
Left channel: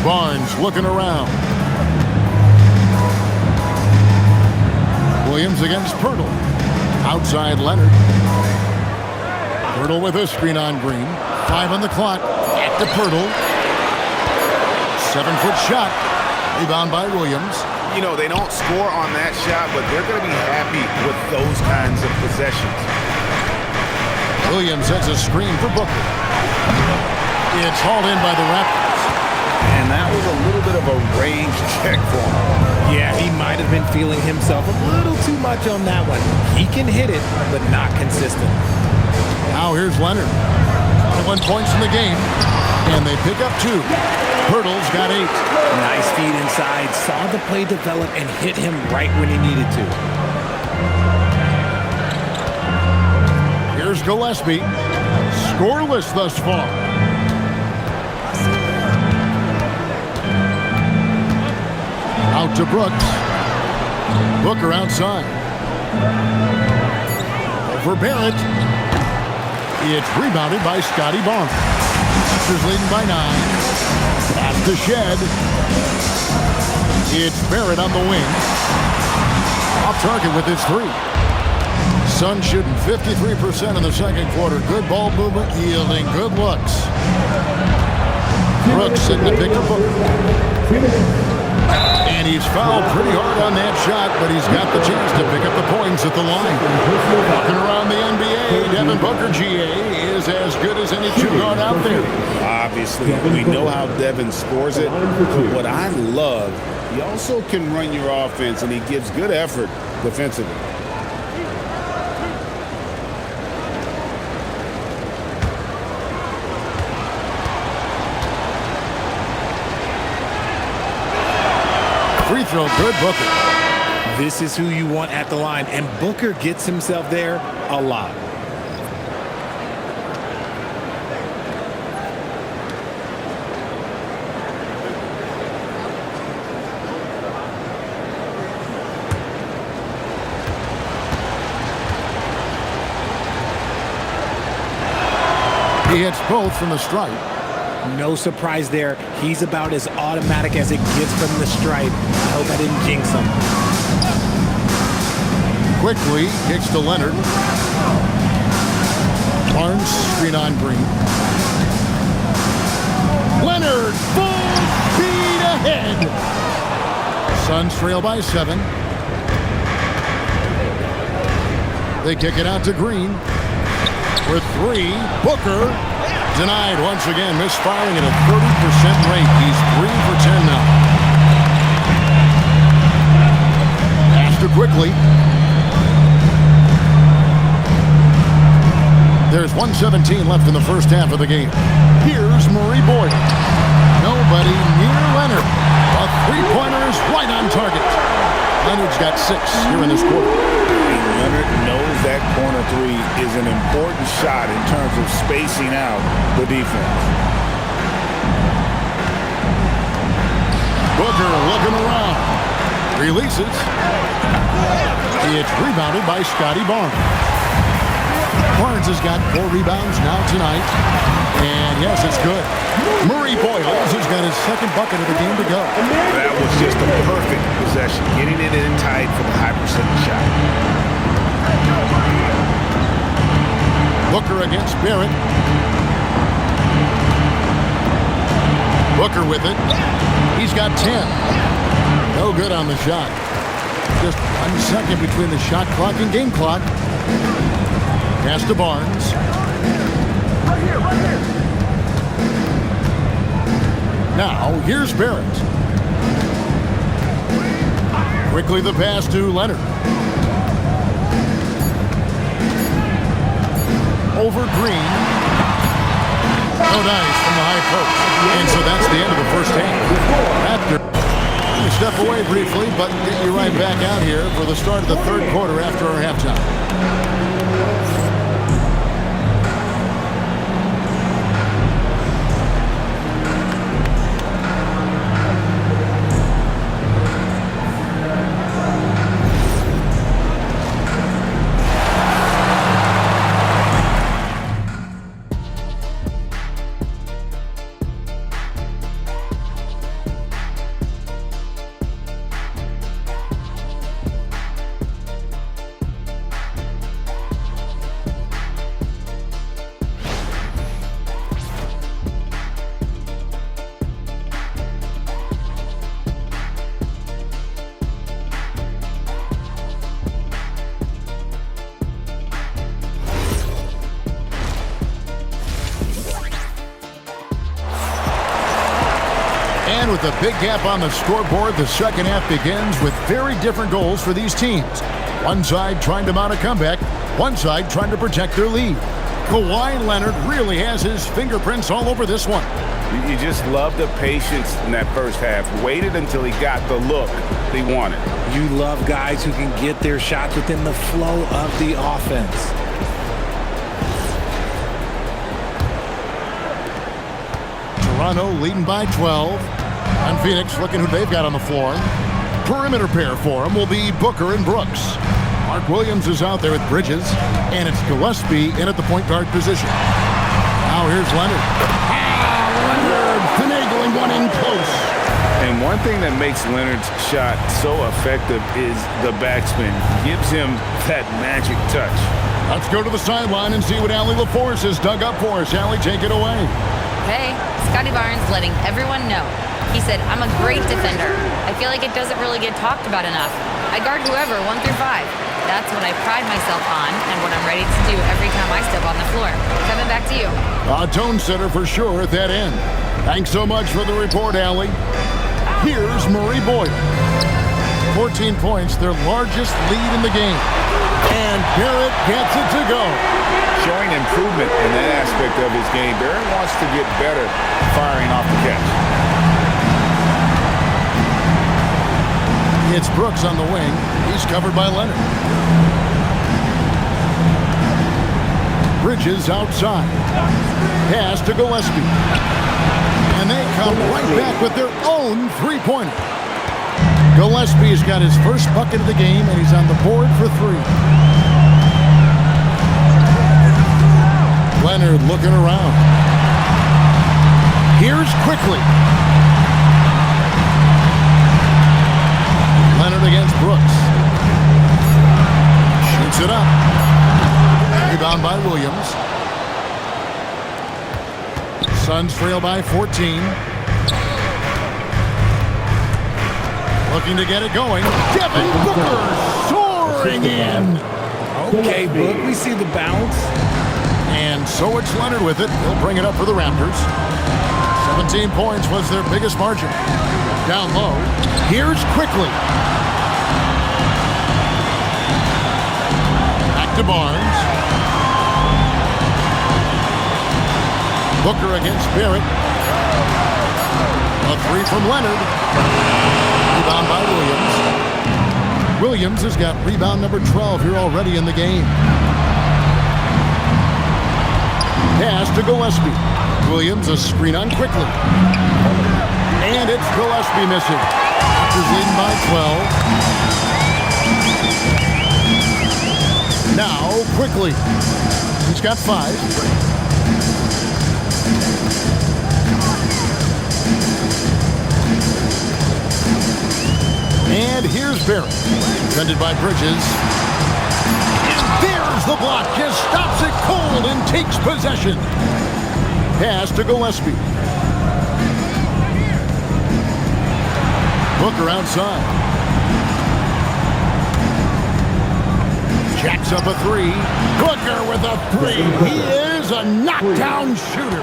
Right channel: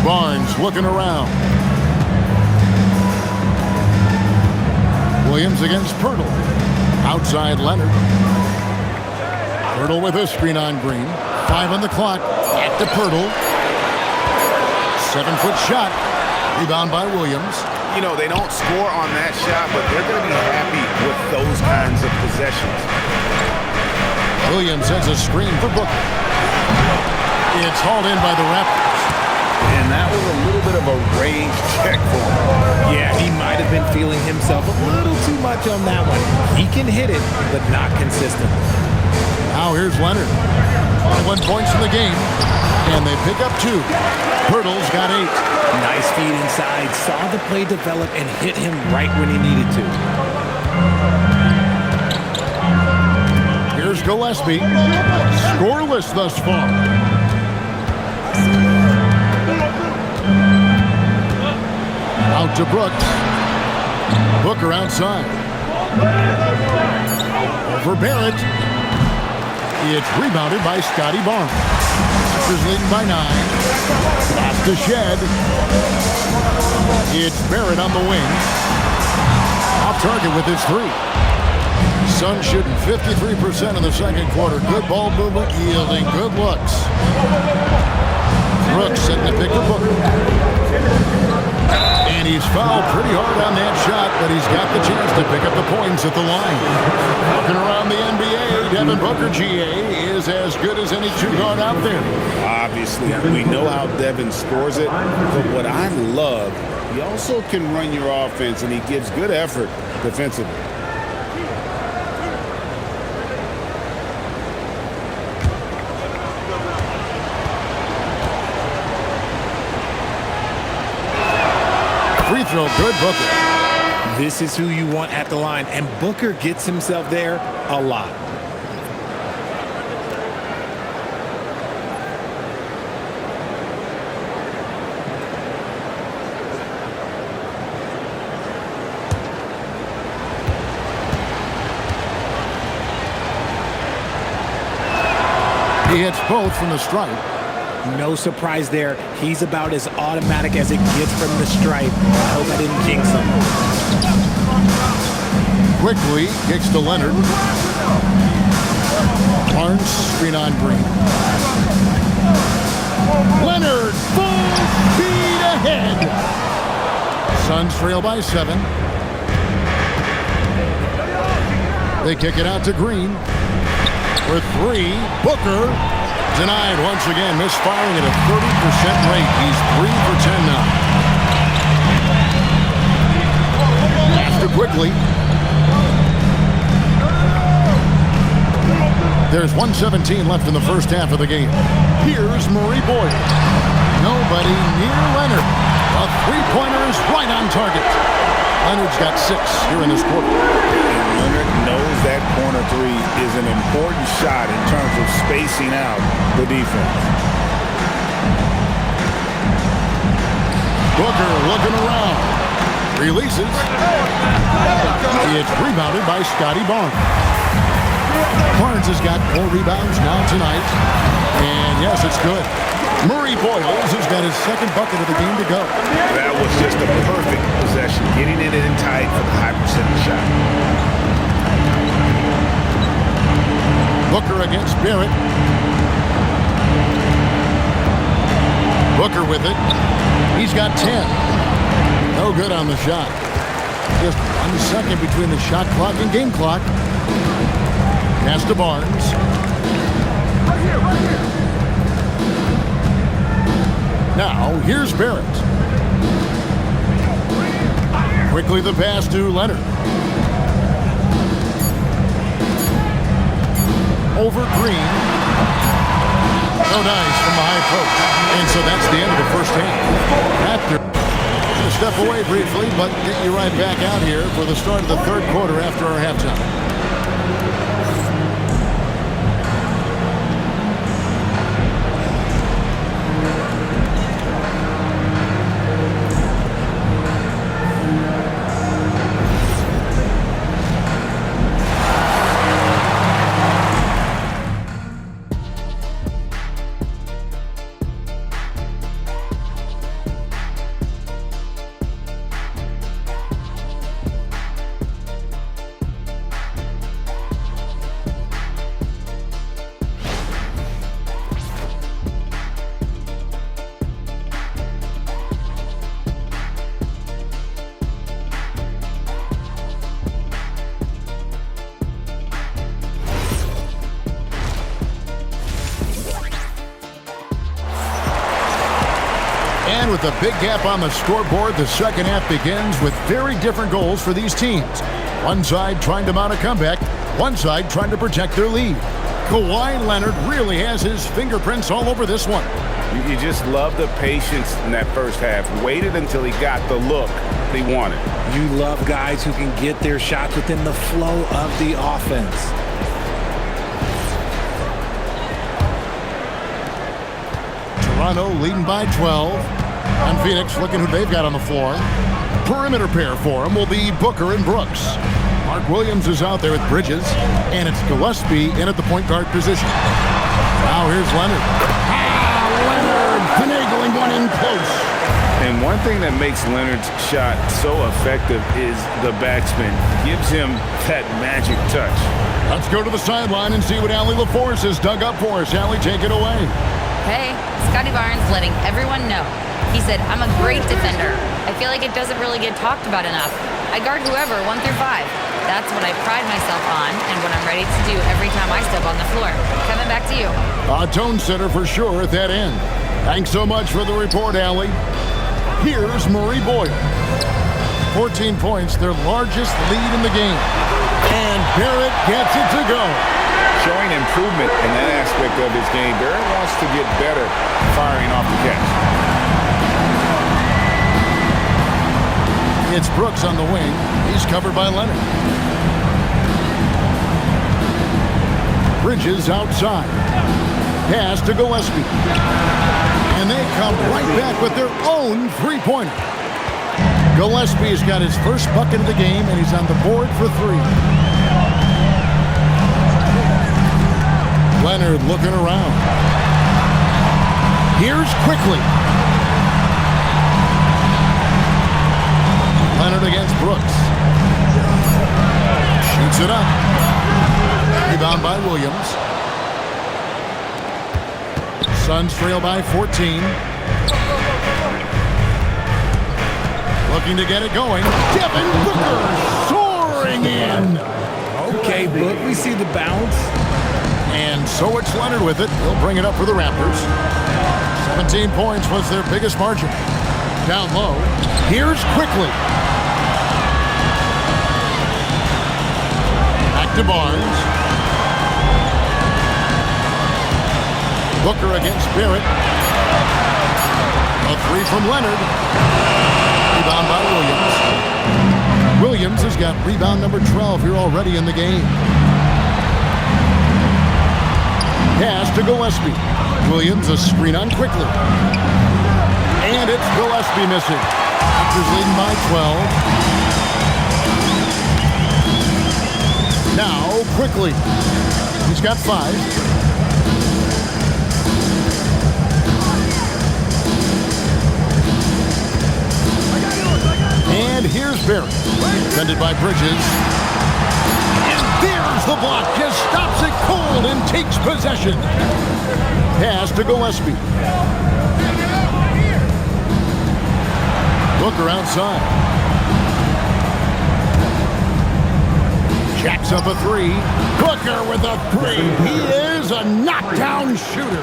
Barnes looking around. Williams against Pirtle. Outside Leonard. Pirtle with a screen on Green. 5 on the clock. At the Pirtle. 7-foot shot. Rebound by Williams. You know, they don't score on that shot, but they're going to be happy with those kinds of possessions. Williams sets a screen for Booker. It's hauled in by the Raptors. And that was a little bit of a range check for him. Yeah, he might have been feeling himself a little too much on that one. He can hit it, but not consistent. Now here's Leonard. 21 points in the game, and they pick up 2. Pirtle's got 8. Nice feed inside. Saw the play develop and hit him right when he needed to. Here's Gillespie. Scoreless thus far. Out to Brooks. Booker outside. Over Barrett. It's rebounded by Scotty Barnes. Raptors leading by 9. Pass to Shed. It's Barrett on the wing. Off target with his 3. Suns shooting 53% in the second quarter. Good ball movement, yielding good looks. Brooks setting the pick for Booker. And he's fouled pretty hard on that shot, but he's got the chance to pick up the points at the line. Walking around the NBA, Devin Booker, GA, is as good as any 2-guard out there. Obviously, we know how Devin scores it, but what I love, he also can run your offense, and he gives good effort defensively. Free throw, good, Booker. This is who you want at the line, and Booker gets himself there a lot. He hits both from the stripe. No surprise there. He's about as automatic as it gets from the stripe. I hope I didn't jinx him. Quickly kicks to Leonard. Barnes, screen on Green. Leonard, full speed ahead. Suns trail by 7. They kick it out to Green. For 3, Booker. Denied once again, misfiring at a 30% rate. He's 3 for 10 now. Pass to Quickly. There's 1:17 left in the first half of the game. Here's Murray Boyle. Nobody near Leonard. A 3-pointer is right on target. Leonard's got 6 here in this quarter. And Leonard knows that corner 3 is an important shot in terms of spacing out the defense. Booker looking around. Releases. It's rebounded by Scotty Barnes. Barnes has got 4 rebounds now tonight. And yes, it's good. Murray Boyles has got his 2nd bucket of the game to go. That was just a perfect possession, getting it in tight for the high percentage shot. Booker against Barrett. Booker with it. He's got 10. No good on the shot. just 1 second between the shot clock and game clock. Pass to Barnes. Right here, right here. Now, here's Barrett. Quickly the pass to Leonard. Over Green. No dice from the high post. And so that's the end of the first half. Raptors going to step away briefly, but get you right back out here for the start of the third quarter after our halftime. And with a big gap on the scoreboard, the second half begins with very different goals for these teams. One side trying to mount a comeback, one side trying to protect their lead. Kawhi Leonard really has his fingerprints all over this one. You just love the patience in that first half. Waited until he got the look he wanted. You love guys who can get their shots within the flow of the offense. Toronto leading by 12. And Phoenix looking who they've got on the floor. Perimeter pair for him will be Booker and Brooks. Mark Williams is out there with Bridges, and it's Gillespie in at the point guard position. Now here's Leonard. Leonard finagling one in close. And one thing that makes Leonard's shot so effective is the backspin. Gives him that magic touch. Let's go to the sideline and see what Allie LaForce has dug up for us. Allie, take it away. Hey, Scotty Barnes letting everyone know. He said, I'm a great defender. I feel like it doesn't really get talked about enough. I guard whoever, 1 through 5. That's what I pride myself on and what I'm ready to do every time I step on the floor. Kevin, back to you. A tone setter for sure at that end. Thanks so much for the report, Allie. Here's Murray Boyle. 14 points, their largest lead in the game. And Barrett gets it to go. Showing improvement in that aspect of his game. Barrett wants to get better firing off the catch. It's Brooks on the wing. He's covered by Leonard. Bridges outside. Pass to Gillespie. And they come right back with their own three-pointer. Gillespie's got his first bucket of the game, and he's on the board for 3. Leonard looking around. Here's Quickly. Leonard against Brooks. Shoots it up. Rebound by Williams. Suns trail by 14. Looking to get it going. Devin Booker soaring in. Okay, Book, we see the bounce. And so it's Leonard with it. He'll bring it up for the Raptors. 17 points was their biggest margin. Down low. Here's Quickly. Back to Barnes. Booker against Barrett. A 3 from Leonard. Rebound by Williams. Williams has got rebound number 12 here already in the game. Pass to Gillespie. Williams a screen on Quickly. And it's Gillespie missing. Raptors leading by 12. Now Quickly. He's got 5. And here's Barrett. Defended by Bridges. And there's the block. Just stops it cold and takes possession. Pass to Gillespie. Booker outside. Jacks up a three. Booker with a three. He is a knockdown shooter.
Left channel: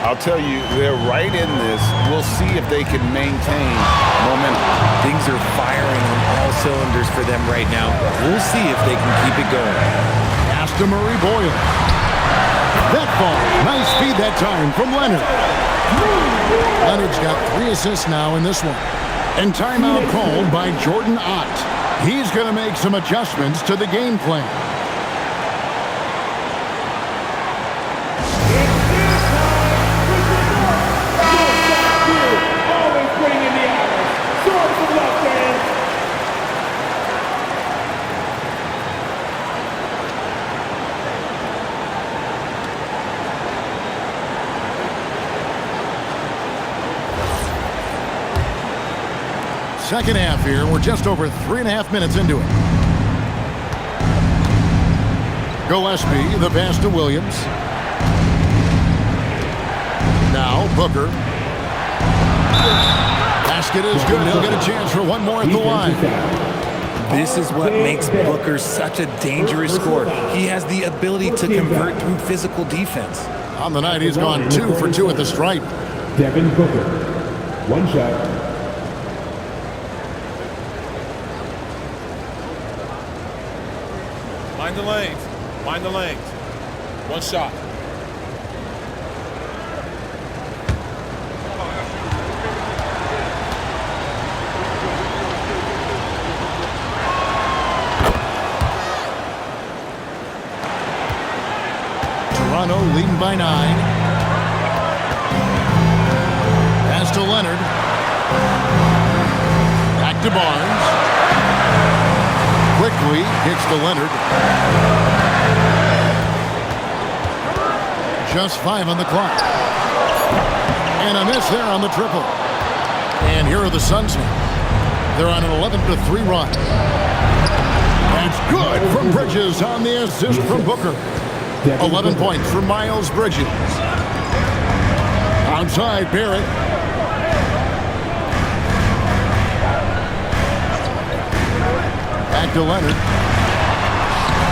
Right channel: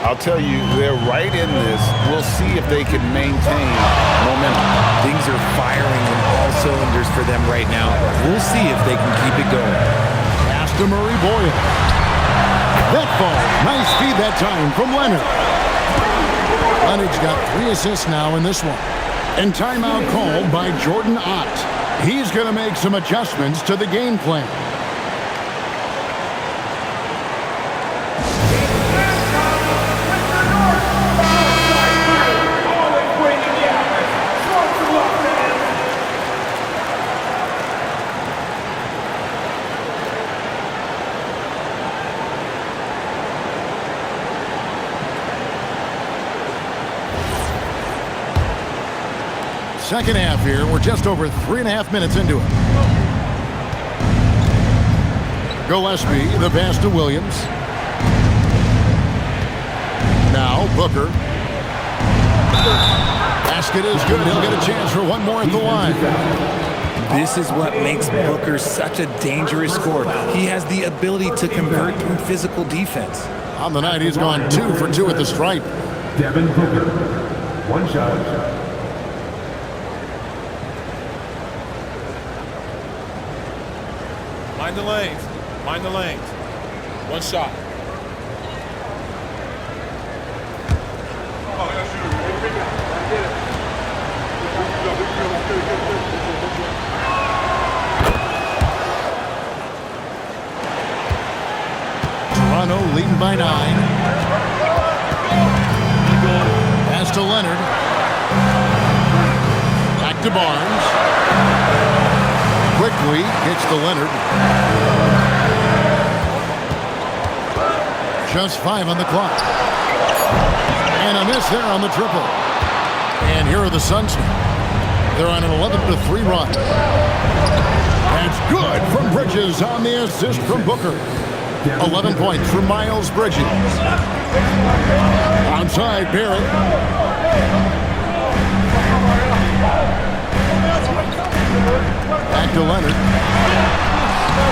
I'll tell you, they're right in this. We'll see if they can maintain momentum. Things are firing on all cylinders for them right now. We'll see if they can keep it going. Pass to Murray Boyle. That ball. Nice feed that time from Leonard. Leonard's got 3 assists now in this one. And timeout called by Jordan Ott. He's going to make some adjustments to the game plan. Second half here. We're just over 3.5 minutes into it. Gillespie, the pass to Williams. Now Booker. Basket is good. He'll get a chance for one more at the line. This is what makes Booker such a dangerous scorer. He has the ability to convert through physical defense. On the night, he's gone 2 for 2 at the stripe. Devin Booker. One shot. Mind the lanes. Mind the lanes. One shot. Toronto leading by 9. Pass to Leonard. Back to Barnes. Quickly kicks to Leonard. Just 5 on the clock. And a miss there on the triple. And here are the Suns now. They're on an 11-3 run. That's good from Bridges on the assist from Booker. 11 points for Miles Bridges. Outside Barrett. Back to Leonard.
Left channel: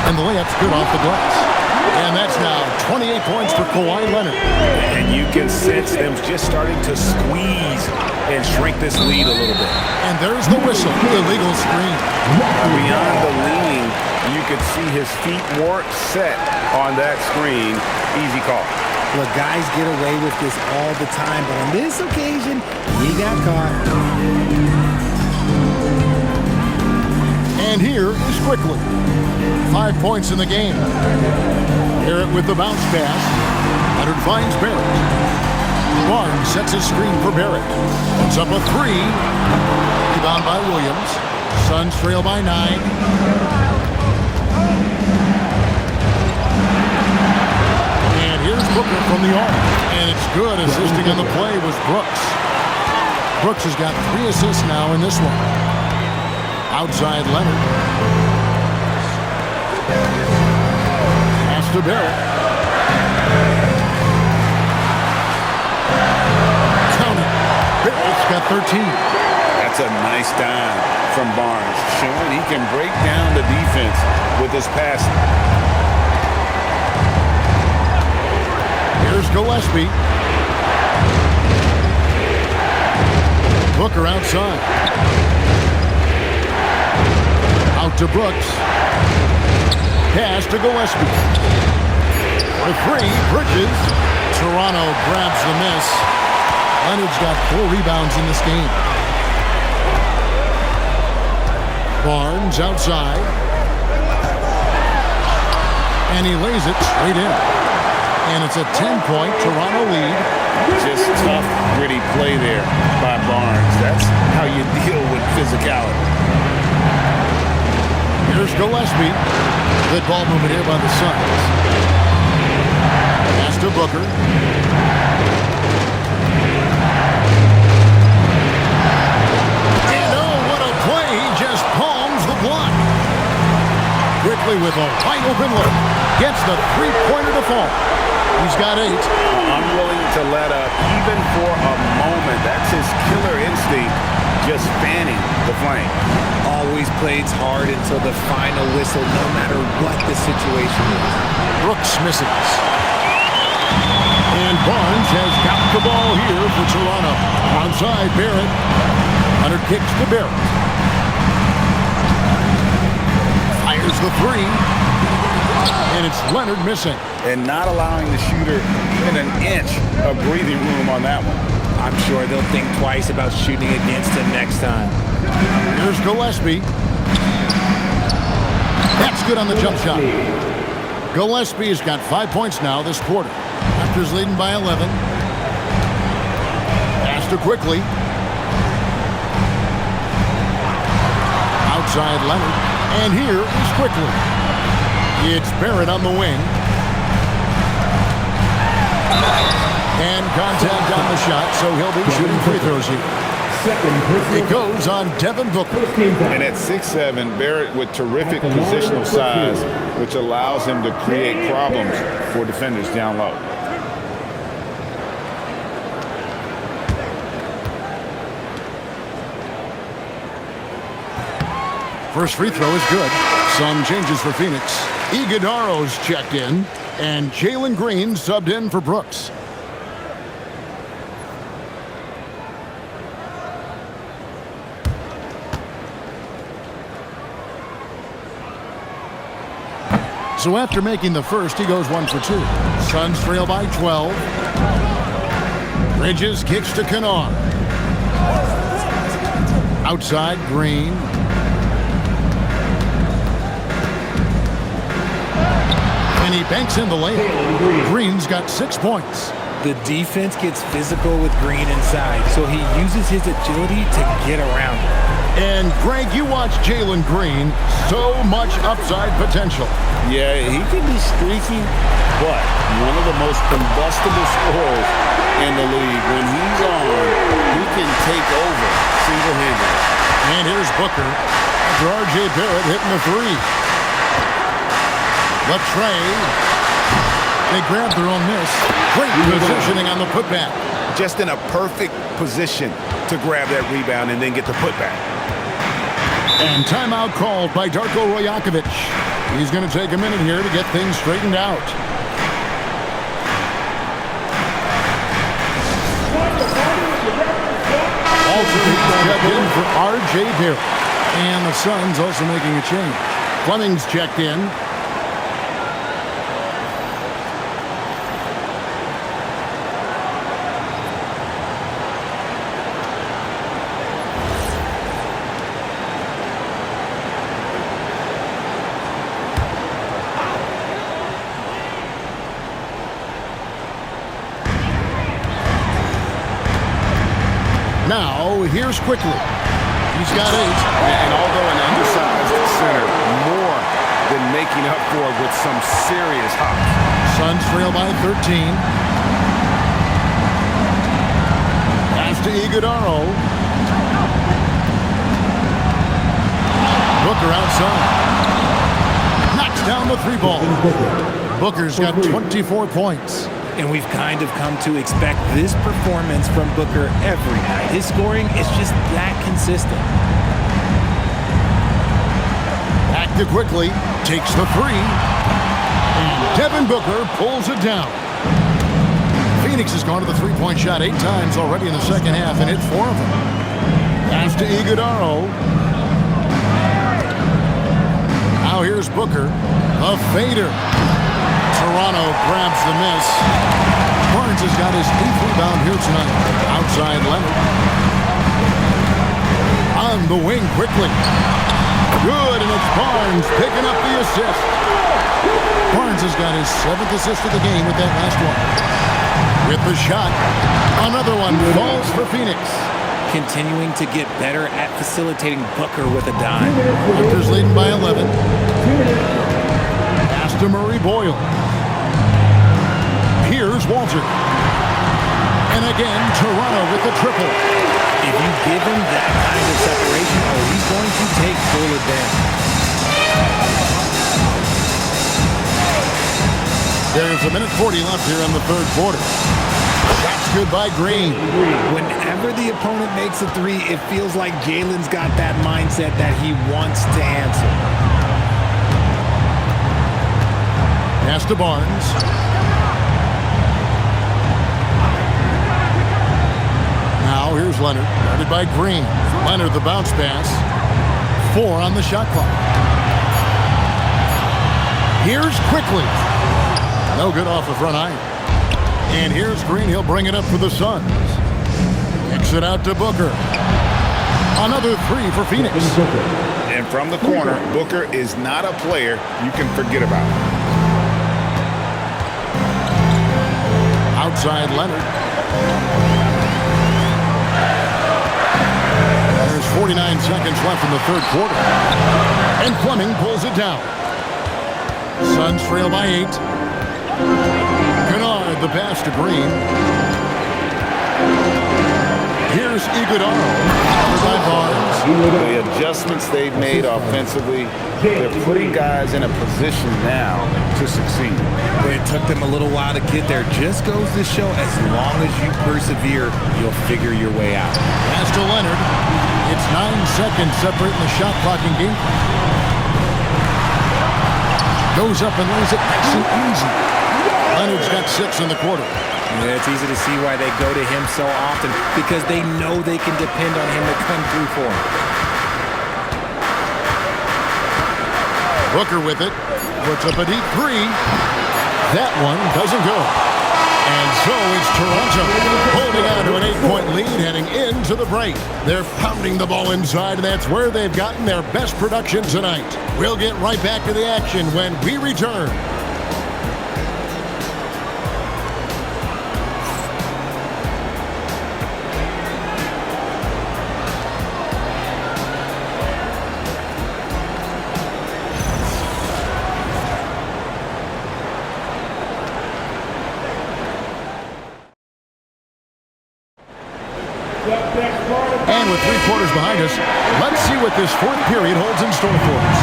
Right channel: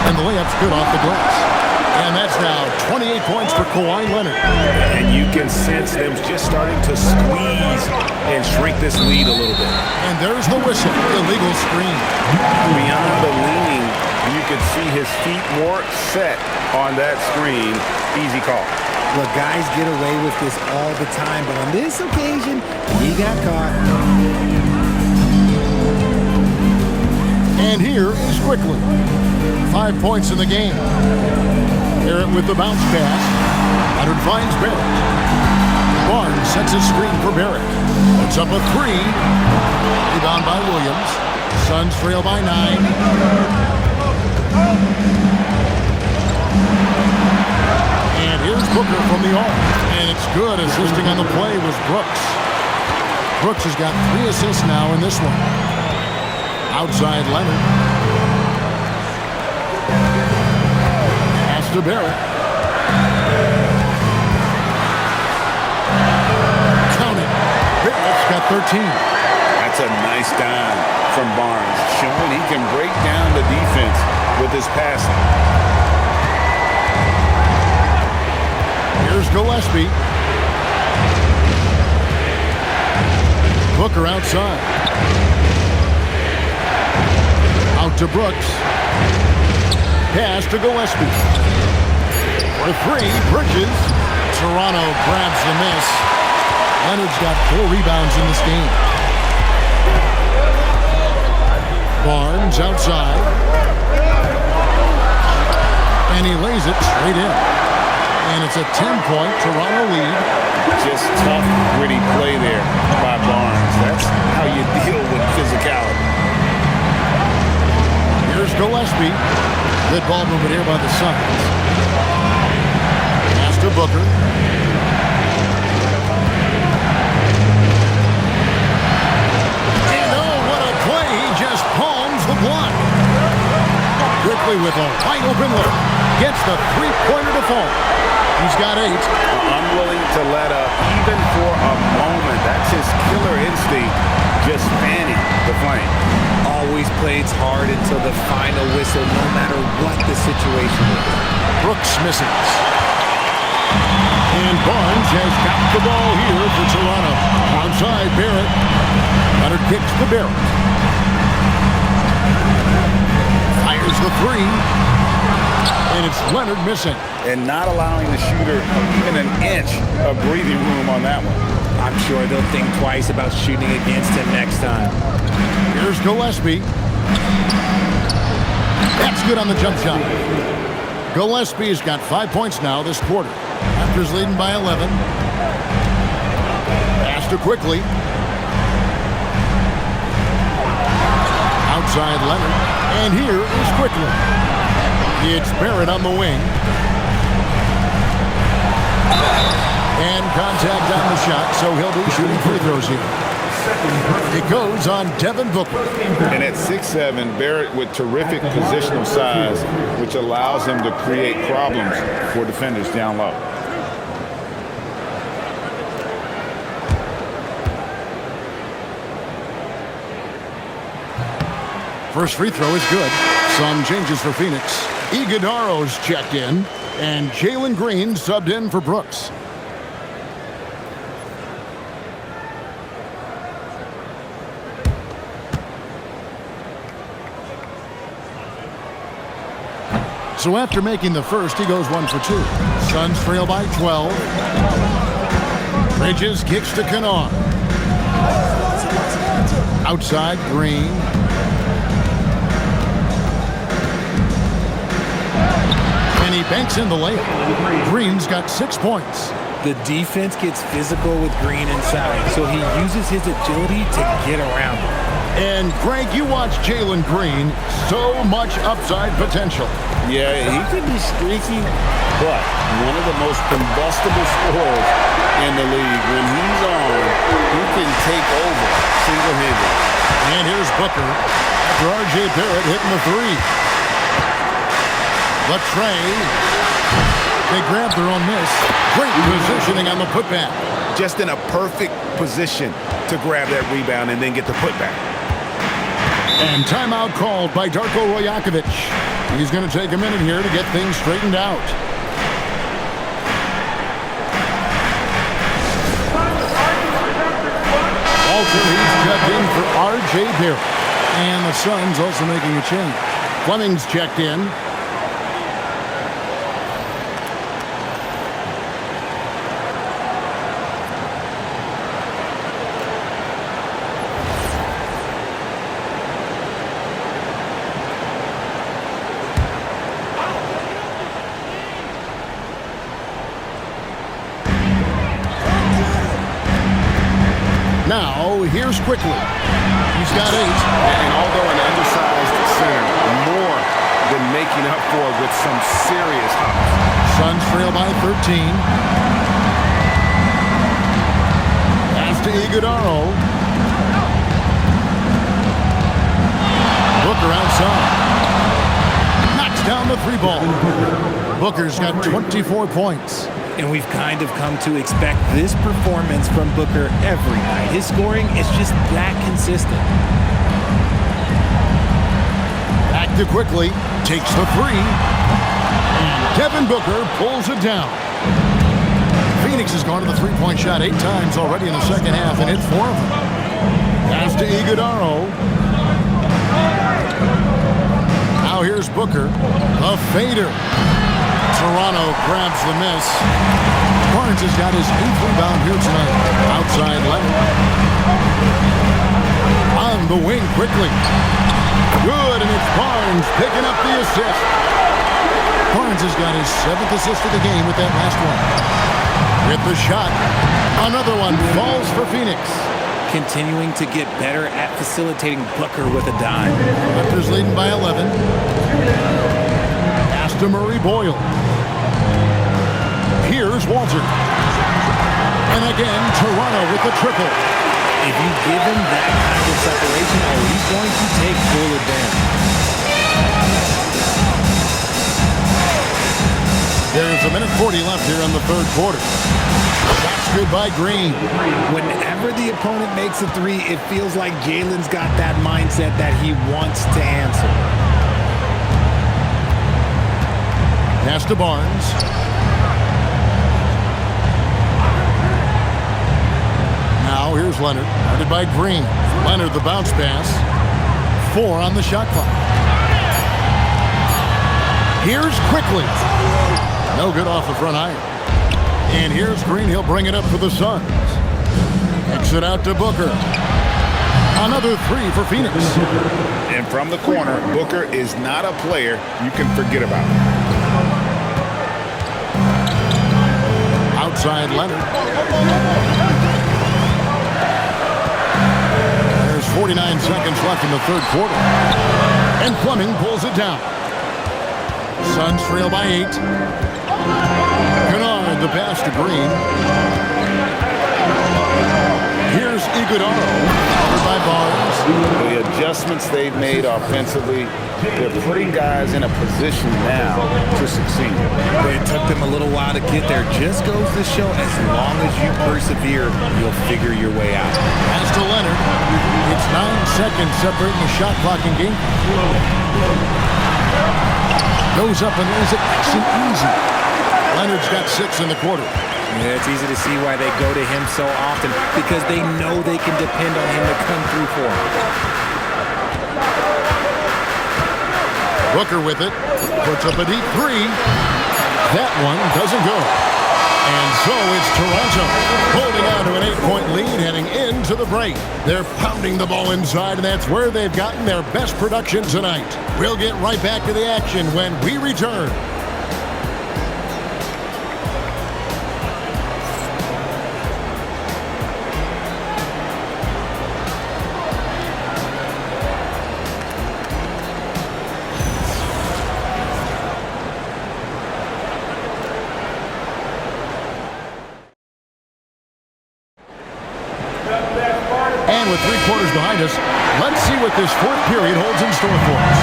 And the layup's good off the glass. And that's now 28 points for Kawhi Leonard. And you can sense them just starting to squeeze and shrink this lead a little bit. And there's the whistle. Illegal screen. Beyond the leaning, you could see his feet more set on that screen. Easy call. Look, guys get away with this all the time, but on this occasion, he got caught. And here is Quickly. 5 points in the game. Barrett with the bounce pass. Leonard finds Barrett. Barnes sets a screen for Barrett. Puts up a 3. Rebound by Williams. Suns trail by 9. And here's Booker from the arc. And it's good. Assisting on the play was Brooks. Brooks has got 3 assists now in this one. Outside Leonard. Pass to Barrett. Count it. Barrett's got 13. That's a nice dime from Barnes, showing he can break down the defense with his passing. Here's Gillespie. Booker outside. Out to Brooks. Pass to Gillespie. For 3, Bridges. Toronto grabs the miss. Leonard's got 4 rebounds in this game. Barnes outside. And he lays it straight in. And it's a 10-point Toronto lead. Just tough, gritty play there by Barnes. That's how you deal with physicality. Here's Gillespie. Good ball movement here by the Suns. Pass to Booker. And oh, what a play. He just palms the block. Quickly with a wide open look. Gets the three-pointer to fall. He's got 8. Unwilling to let up even for a moment. That's his killer instinct just fanning the flame. Always plays hard until the final whistle, no matter what the situation is. Brooks misses. And Barnes has got the ball here for Toronto. Outside Barrett. Leonard kicks to Barrett. Fires the three. And it's Leonard missing. And not allowing the shooter even an inch of breathing room on that one. I'm sure they'll think twice about shooting against him next time. Here's Gillespie. That's good on the jump shot. Gillespie's got 5 points now this quarter. Raptors leading by 11. Pass to Quickly. Outside Leonard. And here is Quickly. It's Barrett on the wing. And contact on the shot, so he'll be shooting free throws here. It goes on Devin Booker. And at 6'7", Barrett with terrific positional size, which allows him to create problems for defenders down low. First free throw is good. Some changes for Phoenix. Iguodaro's checked in, and Jalen Green subbed in for Brooks. So after making the first, he goes 1 for 2. Suns trail by 12. Bridges kicks to Kennard. Outside Green. And he banks in the layup. Green's got 6 points. The defense gets physical with Green inside, so he uses his agility to get around it. And Greg, you watch Jalen Green, so much upside potential. Yeah, he can be streaky, but one of the most combustible scorers in the league. When he's on, he can take over single-handedly. And here's Booker after R.J. Barrett hitting the three. Latrey. They grab their own miss. Great positioning on the putback. Just in a perfect position to grab that rebound and then get the putback. And timeout called by Darko Rajakovic. He's going to take a minute here to get things straightened out. Walter, he's checked in for R.J. Barrett. And the Suns also making a change. Fleming's checked in. Now, here's Quickly. He's got 8. And although an undersized center, more than making up for it with some serious hops. Suns trail by 13. Pass to Iguodaro. Booker outside. Knocks down the 3 ball. Booker's got 24 points. And we've kind of come to expect this performance from Booker every night. His scoring is just that consistent. Back to Quickly. Takes the 3. And Devin Booker pulls it down. Phoenix has gone to the three-point shot 8 times already in the second half, and hit 4 of them. Pass to Iguodaro. Now here's Booker. The fader. Toronto grabs the miss. Barnes has got his 8th rebound here tonight. Outside Leonard. On the wing Quickly. Good, and it's Barnes picking up the assist. Barnes has got his 7th assist of the game with that last one. With the shot. Another one falls for Phoenix. Continuing to get better at facilitating Booker with a dime. Raptors leading by 11. Pass to Murray Boyle. Here's Walter. And again, Toronto with the triple. If you give him that kind of separation, he's going to take full advantage. There's a minute 40 left here in the third quarter. Shot's good by Green. Whenever the opponent makes a three, it feels like Jalen's got that mindset that he wants to answer. Pass to Barnes. Now here's Leonard, guarded by Green. Leonard the bounce pass. 4 on the shot clock. Here's Quickly. No good off the front iron. And here's Green. He'll bring it up for the Suns. Kicks it out to Booker. Another 3 for Phoenix. And from the corner, Booker is not a player you can forget about. Outside Leonard. There's 49 seconds left in the third quarter. And Fleming pulls it down. Suns trail by 8. Kennard the pass to Green. Here's Iguodala, covered by Barnes. The adjustments they've made offensively, they're putting guys in a position now to succeed. It took them a little while to get there. Just goes to show, as long as you persevere, you'll figure your way out. Pass to Leonard. It's 9 seconds separating the shot clock and game. Goes up and lays it nice and easy. Leonard's got 6 in the quarter. Yeah, it's easy to see why they go to him so often, because they know they can depend on him to come through for them. Booker with it. Puts up a deep 3. That one doesn't go. And so it's Toronto holding on to an 8-point lead heading into the break. They're pounding the ball inside, and that's where they've gotten their best production tonight. We'll get right back to the action when we return. And with 3 quarters behind us, let's see what this fourth period holds in store for us.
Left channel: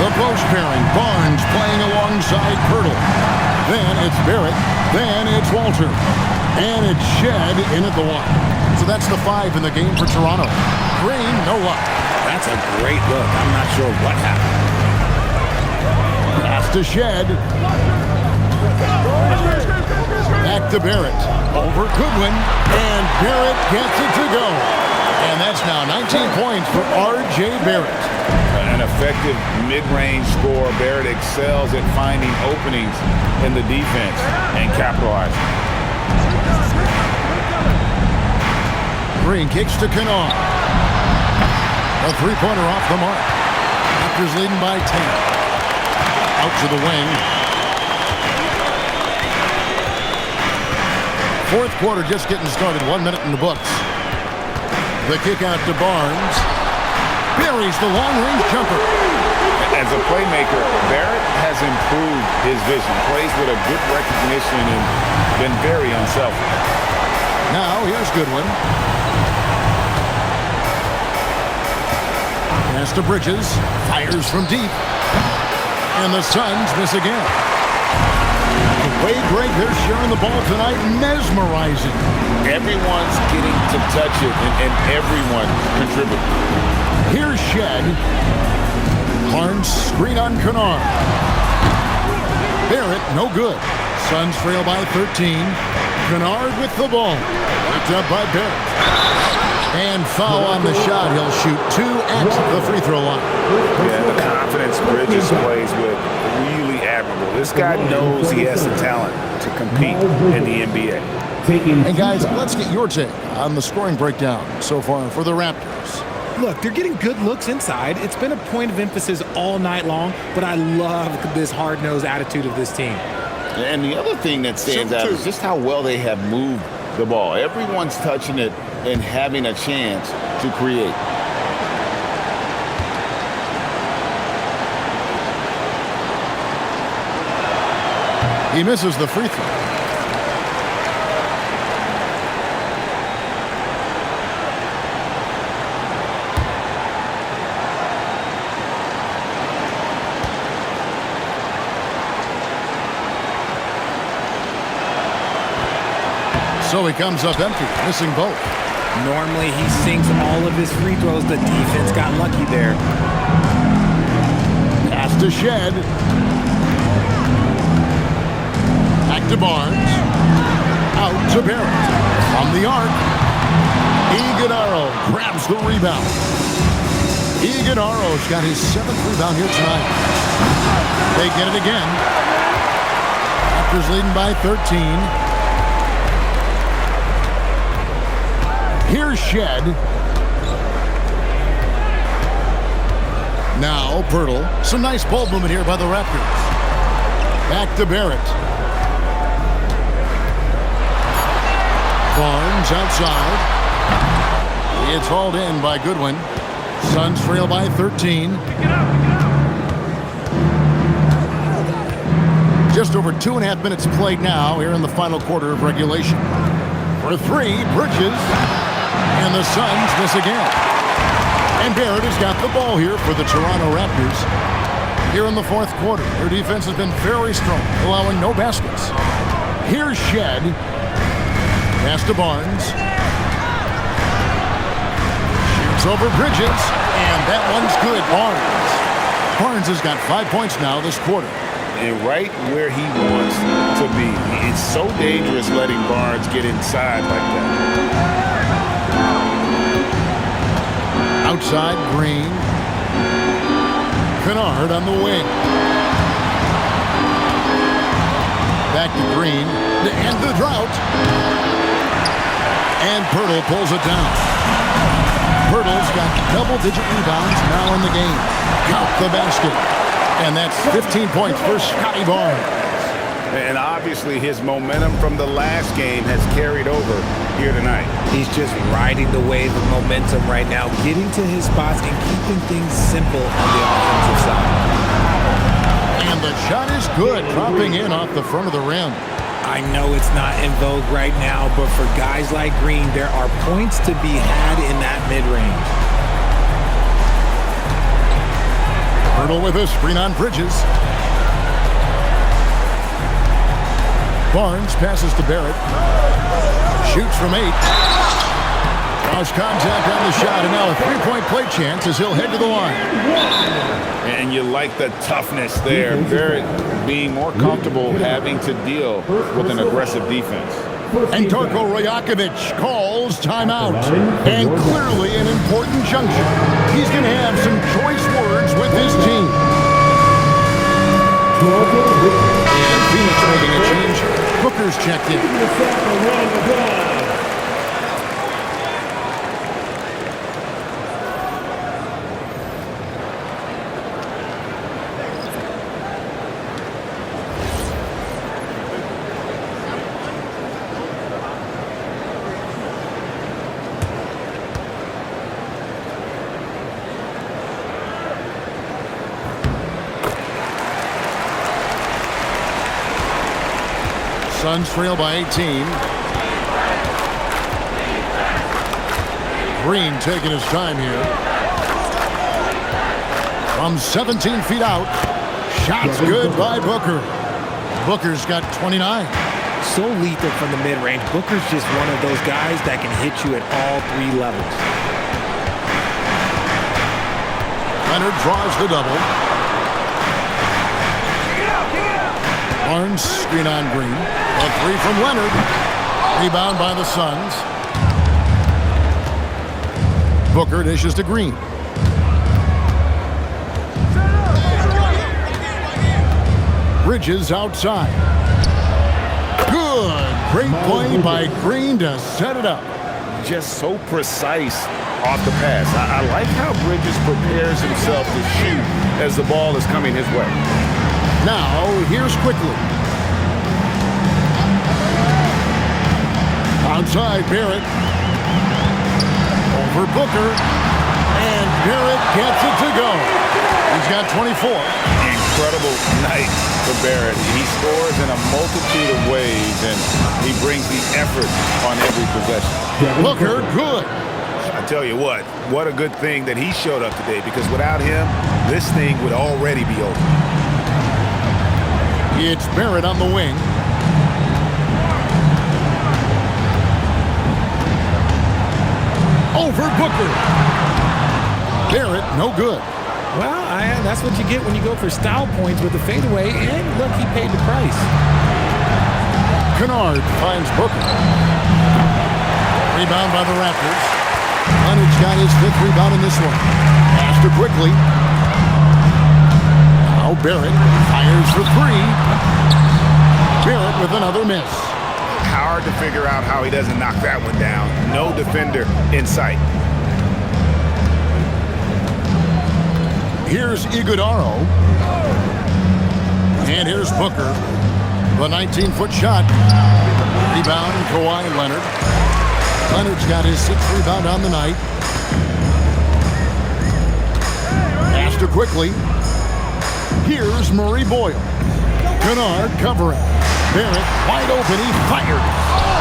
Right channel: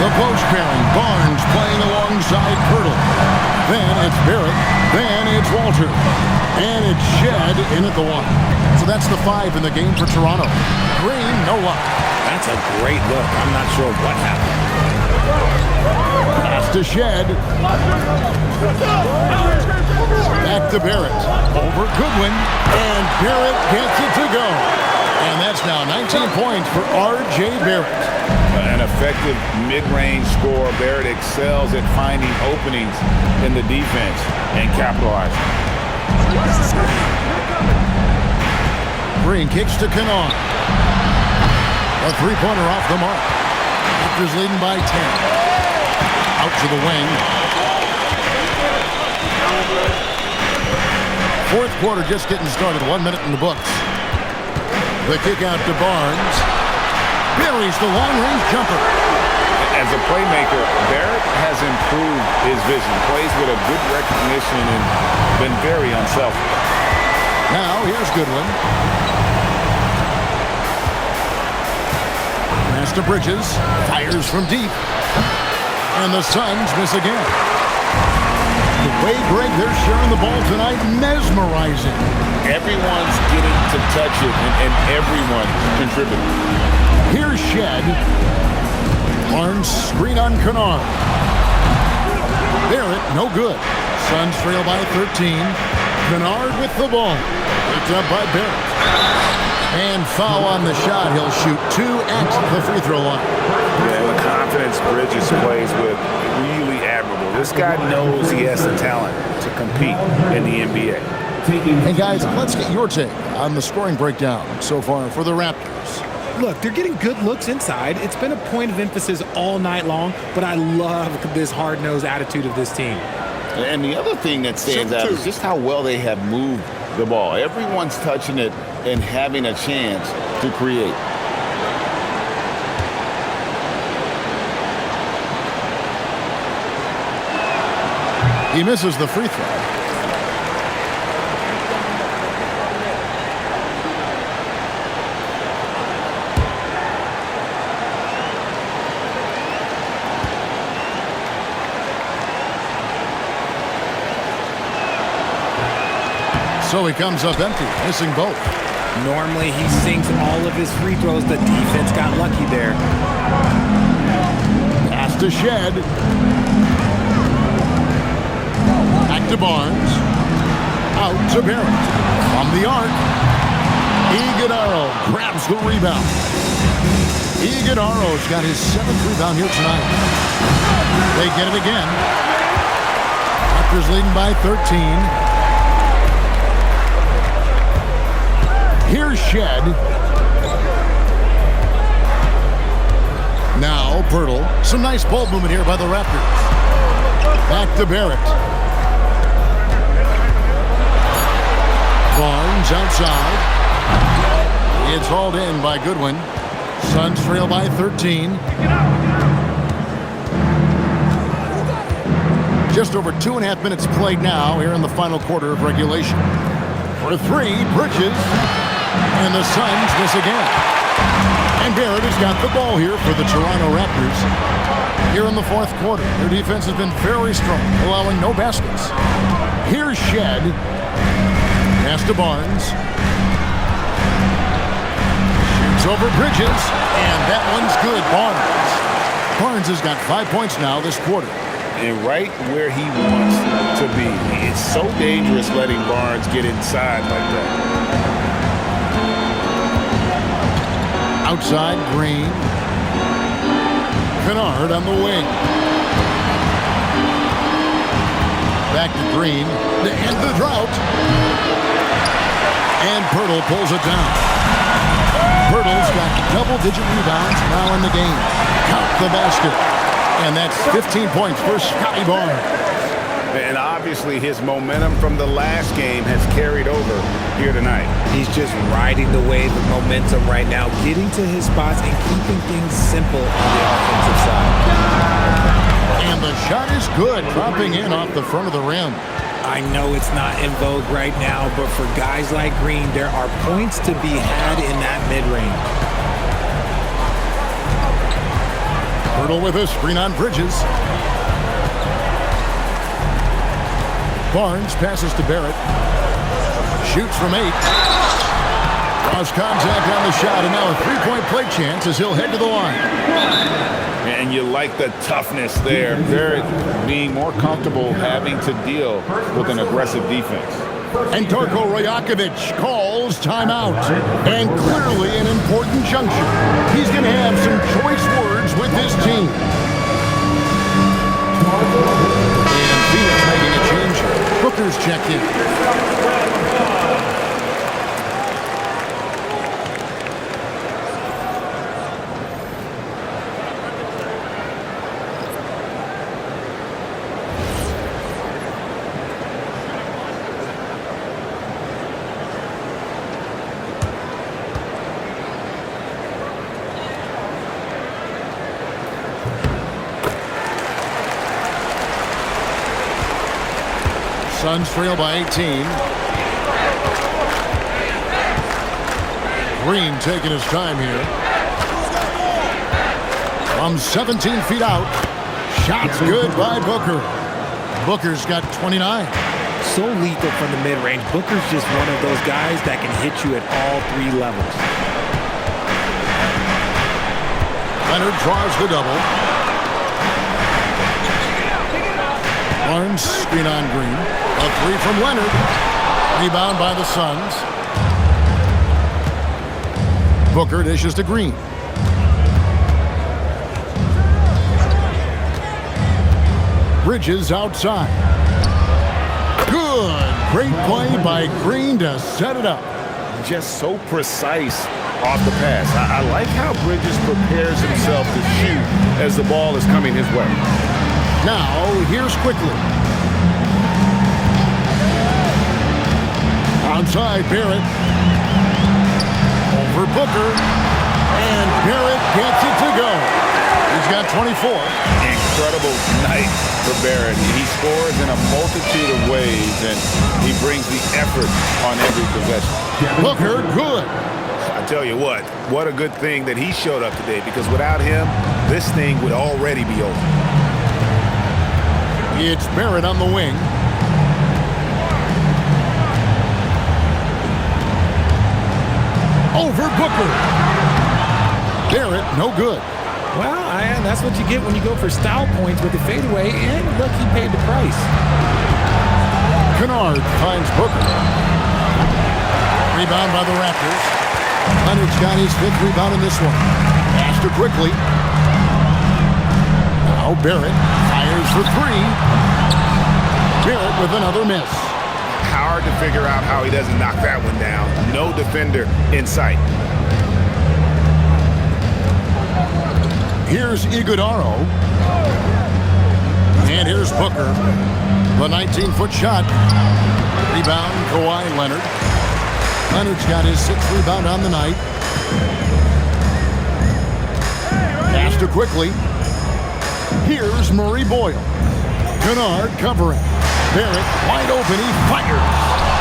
The post pairing, Barnes playing alongside Pirtle. Then it's Barrett. Then it's Walter. And it's Shed in at the 1. So that's the 5 in the game for Toronto. Green, no luck. That's a great look. I'm not sure what happened. Pass to Shed. Back to Barrett. Over Goodwin. And Barrett gets it to go. And that's now 19 points for R.J. Barrett. An effective mid-range scorer. Barrett excels at finding openings in the defense and capitalizing. Green kicks to Kennard. A 3-pointer off the mark. Raptors leading by 10. Out to the wing. Fourth quarter just getting started. 1 minute in the books. The kick out to Barnes. Buries the long-range jumper. As a playmaker, Barrett has improved his vision. Plays with a good recognition and been very unselfish. Now here's Goodwin. Pass to Bridges. Fires from deep. And the Suns miss again. The way, Greg, they're sharing the ball tonight, mesmerizing. Everyone's getting to touch it, and everyone contributing. Here's Shed. Barnes screen on Kennard. Barrett, no good. Suns trail by 13. Kennard with the ball. Picked up by Barrett. And foul on the shot. He'll shoot 2 at the free throw line. Yeah, and the confidence Bridges plays with, really admirable. This guy knows he has the talent to compete in the NBA. Hey, guys, let's get your take on the scoring breakdown so far for the Raptors. Look, they're getting good looks inside. It's been a point of emphasis all night long, but I love this hard-nosed attitude of this team. And the other thing that stands out is just how well they have moved the ball. Everyone's touching it and having a chance to create. He misses the free throw. So he comes up empty, missing both. Normally he sinks all of his free throws. The defense got lucky there. Pass to Shed. Back to Barnes. Out to Barrett. From the arc. Iguodaro grabs the rebound. Iguodaro's got his 7th rebound here tonight. They get it again. Raptors leading by 13. Here's Shed. Now Pirtle. Some nice ball movement here by the Raptors. Back to Barrett. Barnes outside. It's hauled in by Goodwin. Suns trail by 13. Just over 2.5 minutes played now here in the final quarter of regulation. For three, Bridges. And the Suns miss again. And Barrett has got the ball here for the Toronto Raptors. Here in the fourth quarter, their defense has been very strong, allowing no baskets. Here's Shed. Pass to Barnes. Shoots over Bridges. And that one's good. Barnes has got 5 points now this quarter. And right where he wants to be. It's so dangerous letting Barnes get inside like that. Outside, Green. Kennard on the wing. Back to Green. To end the drought. And Pirtle pulls it down. Pirtle's got double-digit rebounds now in the game. Count the basket. And that's 15 points for Scotty Barnes. And obviously his momentum from the last game has carried over here tonight. He's just riding the wave of momentum right now, getting to his spots and keeping things simple on the offensive side. And the shot is good, dropping in off the front of the rim. I know it's not in vogue right now, but for guys like Green, there are points to be had in that mid-range. Pirtle with a screen on Bridges. Barnes passes to Barrett. Shoots from 8. Draws contact on the shot, and now a three-point play chance as he'll head to the line. And you like the toughness there. Barrett being more comfortable having to deal with an aggressive defense. And Darko Rajakovic calls timeout. And clearly an important juncture. He's going to have some choice words with his team. And Phoenix making a change here. Booker's checked in. Suns trail by 18. Green taking his time here. From 17 feet out. Shots good by Booker. Booker's got 29. So lethal from the mid-range. Booker's just one of those guys that can hit you at all 3 levels. Leonard draws the double. Barnes screen on Green. A 3 from Leonard. Rebound by the Suns. Booker dishes to Green. Bridges outside. Good. Great play by Green to set it up. Just so precise off the pass. I like how Bridges prepares himself to shoot as the ball is coming his way. Now, here's Quickly. Outside, Barrett. Over Booker. And Barrett gets it to go. He's got 24. Incredible night for Barrett. He scores in a multitude of ways, and he brings the effort on every possession. Booker, good. I tell you what a good thing that he showed up today, because without him, this thing would already be over. It's Barrett on the wing. over Booker. Barrett, no good. Well, that's what you get when you go for style points with the fadeaway, and look, he paid the price. Kennard finds Booker. Rebound by the Raptors. Leonard's got his 5th rebound in this one. Pass to quickly. Now Barrett fires for 3. Barrett with another miss. Hard to figure out how he doesn't knock that one down. No defender in sight. Here's Iguodaro. And here's Booker. The 19-foot shot. Rebound, Kawhi Leonard. Leonard's got his 6th rebound on the night. Pass to quickly. Here's Murray Boyle. Kennard covering. Barrett wide open. He fires.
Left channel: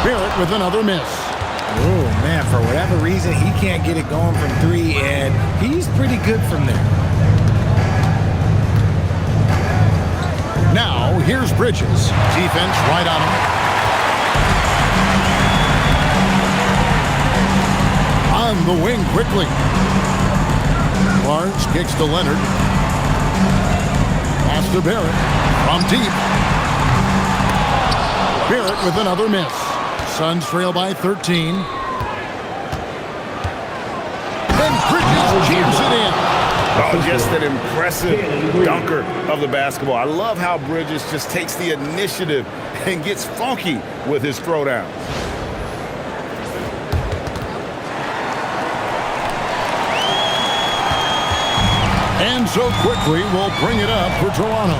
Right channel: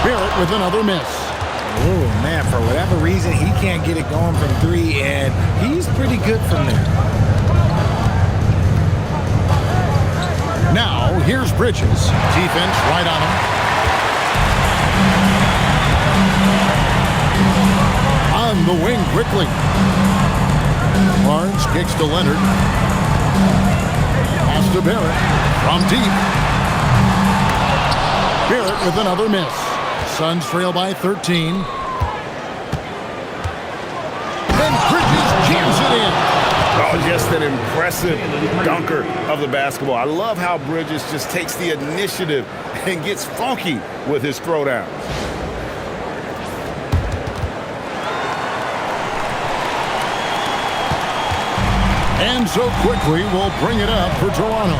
Barrett with another miss. Oh, man, for whatever reason, he can't get it going from 3, and he's pretty good from there. Now, here's Bridges. Defense right on him. On the wing quickly. Barnes kicks to Leonard. Pass to Barrett. From deep. Barrett with another miss. Suns trail by 13. Then Bridges jams it in. Oh, just an impressive dunker of the basketball. I love how Bridges just takes the initiative and gets funky with his throwdowns. And so quickly we'll bring it up for Toronto.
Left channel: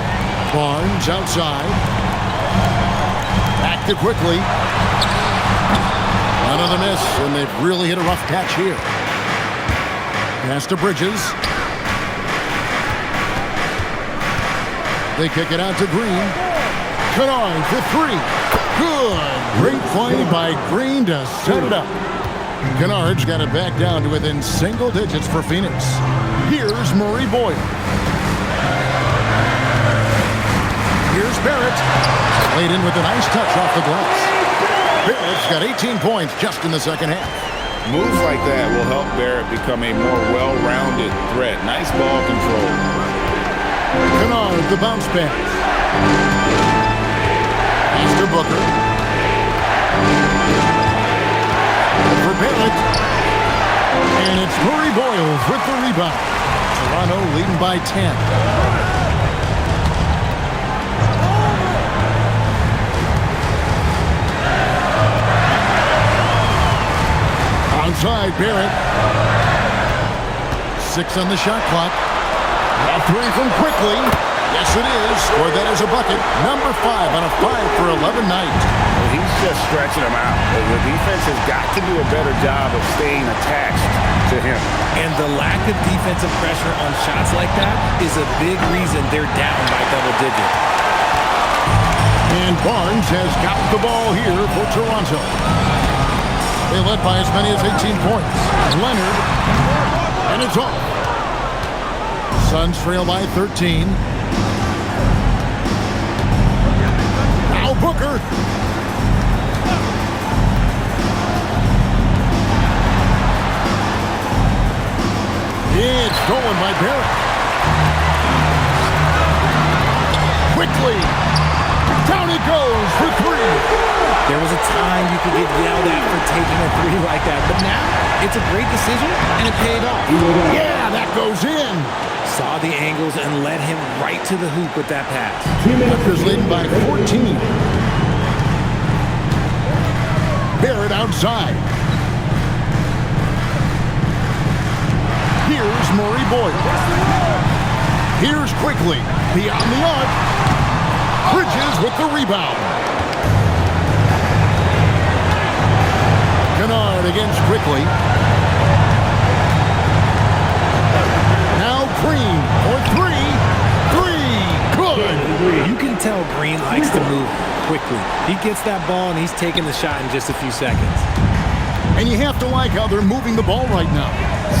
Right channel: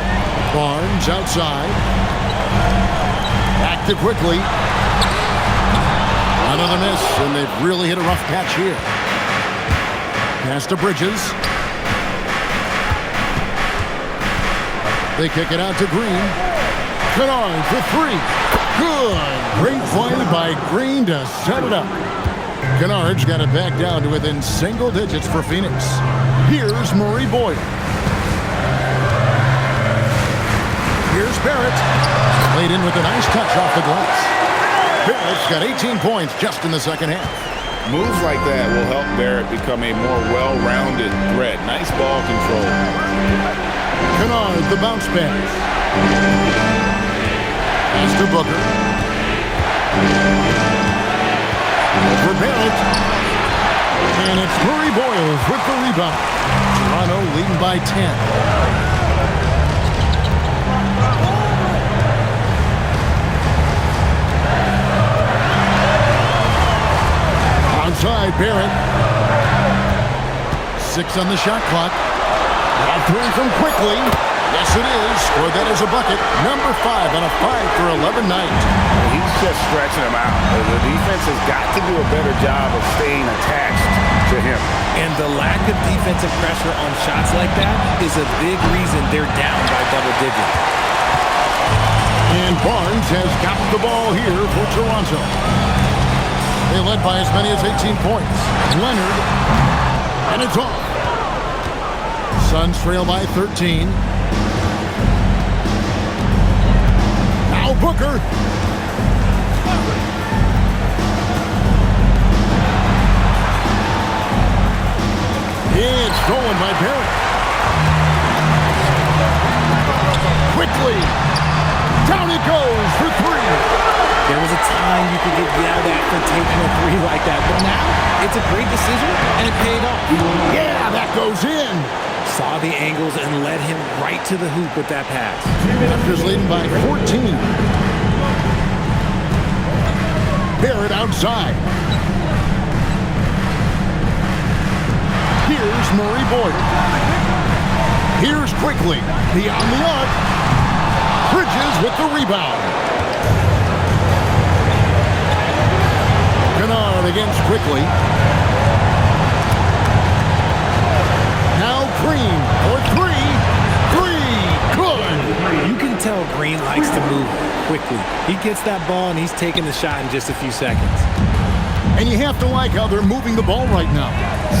Barnes outside. Back to quickly. Another miss, and they've really hit a rough patch here. Pass to Bridges. They kick it out to Green. Kennard for 3. Good. Great play by Green to set it up. Kennard's got it back down to within single digits for Phoenix. Here's Murray Boyle. Here's Barrett. Laid in with a nice touch off the glass. Barrett's got 18 points just in the second half. Moves like that will help Barrett become a more well-rounded threat. Nice ball control. Kennard, the bounce pass. Pass to Booker. For Barrett. And it's Murray Boyles with the rebound. Toronto leading by 10. Outside, Barrett. 6 on the shot clock. A 3 from quickly. Yes, it is. Scored that as a bucket. Number 5 on a 5 for 11 night. He's just stretching him out. The defense has got to do a better job of staying attached to him. And the lack of defensive pressure on shots like that is a big reason they're down by double digits. And Barnes has got the ball here for Toronto. They led by as many as 18 points. Leonard, and it's off. Suns trail by 13. Now Booker. It's stolen by Barrett. Quickly. Down it goes for 3. There was a time you could get yelled at for taking a 3 like that, but now it's a great decision, and it paid off. Yeah, that goes in. Saw the angles and led him right to the hoop with that pass. Raptors leading by 14. Barrett outside. Here's Murray Boyle. Here's quickly. Beyond the arc. Bridges with the rebound. Kennard against quickly. Now Green for 3. 3. Good. You can tell Green likes to move quickly. He gets that ball and he's taking the shot in just a few seconds. And you have to like how they're moving the ball right now.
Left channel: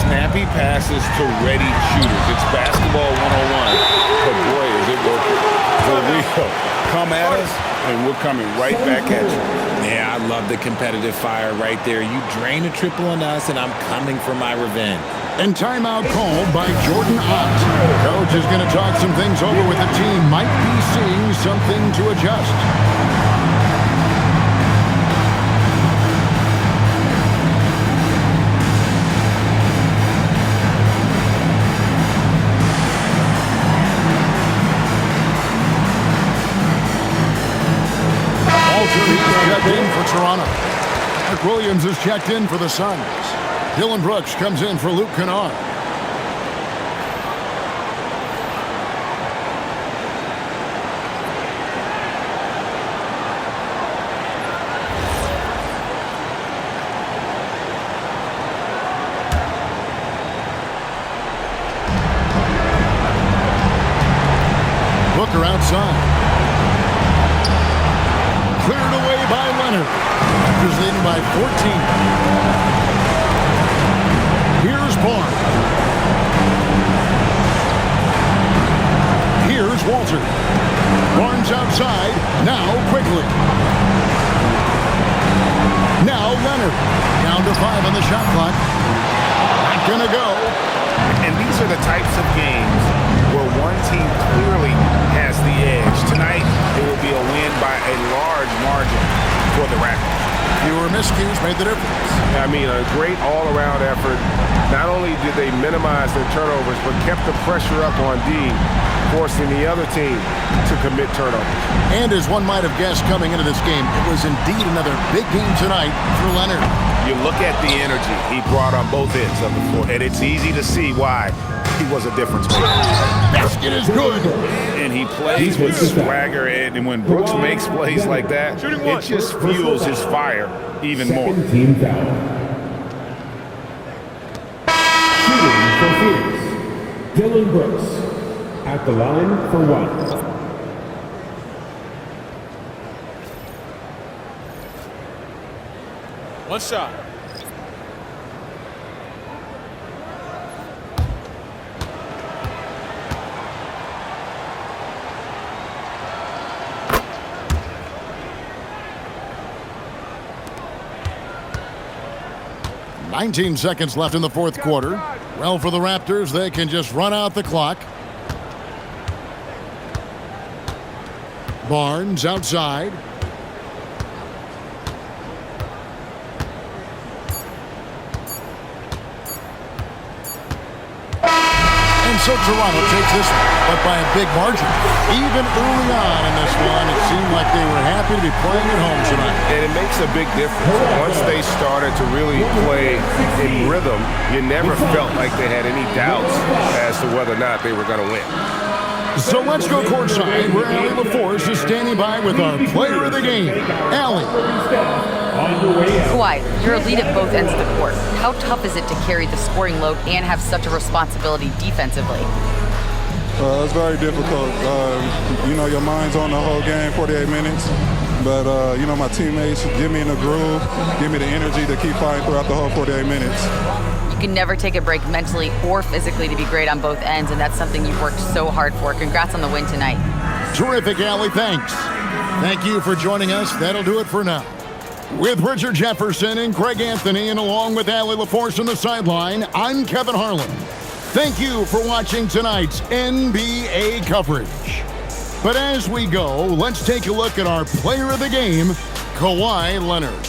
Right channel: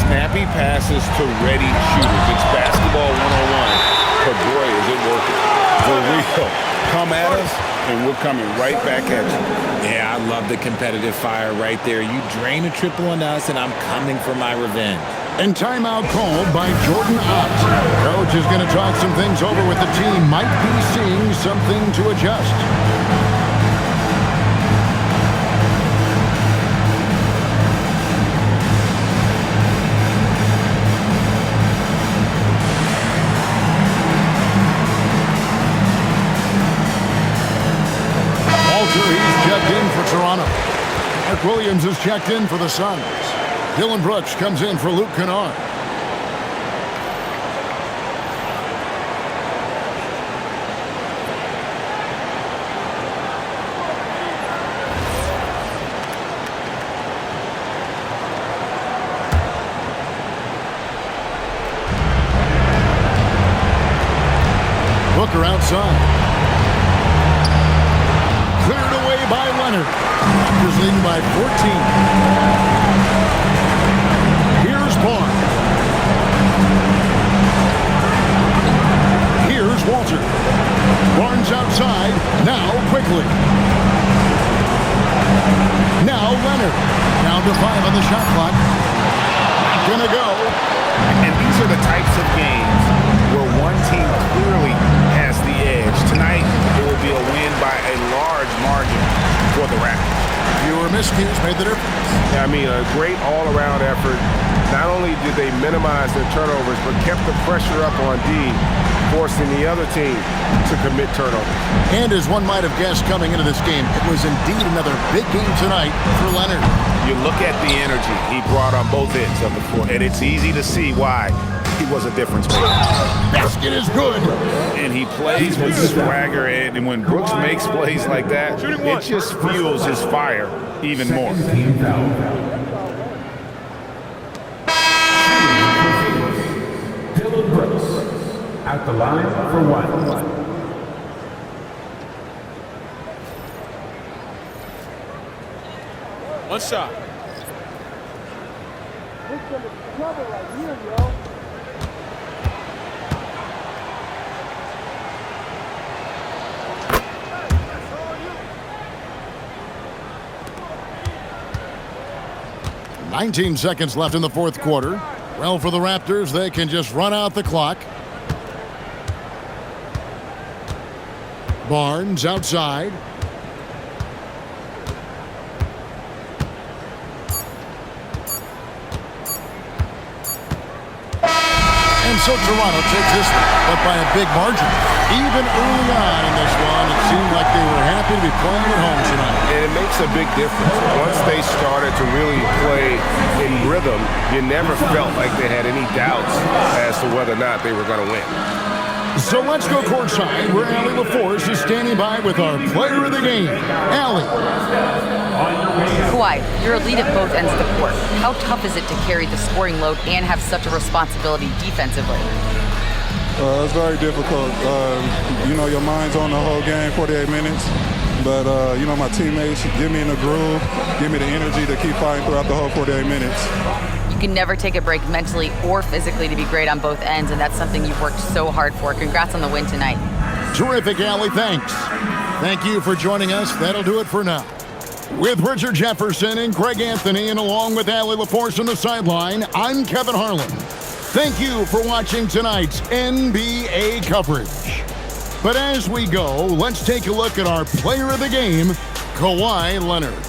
Snappy passes to ready shooters. It's basketball 101, but boy, is it working. For real. Come at us, and we're coming right back at you. Yeah, I love the competitive fire right there. You drain a triple on us, and I'm coming for my revenge. And timeout called by Jordan Ott. Coach is going to talk some things over with the team. Might be seeing something to adjust. He's checked in for Toronto. Mark Williams is checked in for the Suns. Dylan Brooks comes in for Luke Kennard. Booker outside. Cleared away by Leonard. Raptors leading by 14. Here's Barnes. Here's Walter. Barnes outside. Now quickly. Now Leonard. Down to 5 on the shot clock. Not gonna go. And these are the types of games where one team clearly has the edge. Tonight, it will be a win by a large margin for the Raptors. Fewer miscues made the difference. Yeah, I mean, a great all-around effort. Not only did they minimize their turnovers, but kept the pressure up on D, forcing the other team to commit turnovers. And as one might have guessed coming into this game, it was indeed another big game tonight for Leonard. You look at the energy he brought on both ends of the floor, and it's easy to see why he was a difference maker. Basket is good. And he plays with swagger, and when Brooks makes plays like that, it just fuels his fire even more. Team foul. Shooting for Phoenix, Dylan Brooks at the line for 1. One shot. 19 seconds left in the fourth quarter. Well, for the Raptors, they can just run out the clock. Barnes outside. And so Toronto takes this one, but by a big margin. Even early on in this one, it seemed like they were happy to be playing at home tonight. And it makes a big difference. Once they started to really play in rhythm, you never felt like they had any doubts as to whether or not they were going to win. So let's go courtside, where Allie LaForce is standing by with our player of the game, Allie. Kawhi, you're a lead at both ends of the court. How tough is it to carry the scoring load and have such a responsibility defensively? It's very difficult. Your mind's on the whole game, 48 minutes. But, my teammates get me in the groove, give me the energy to keep fighting throughout the whole 48 minutes. You can never take a break mentally or physically to be great on both ends, and that's something you've worked so hard for. Congrats on the win tonight. Terrific, Allie. Thanks. Thank you for joining us. That'll do it for now. With Richard Jefferson and Greg Anthony, and along with Allie LaForce on the sideline, I'm Kevin Harlan. Thank you for watching tonight's NBA coverage. But as we go, let's take a look at our player of the game, Kawhi Leonard.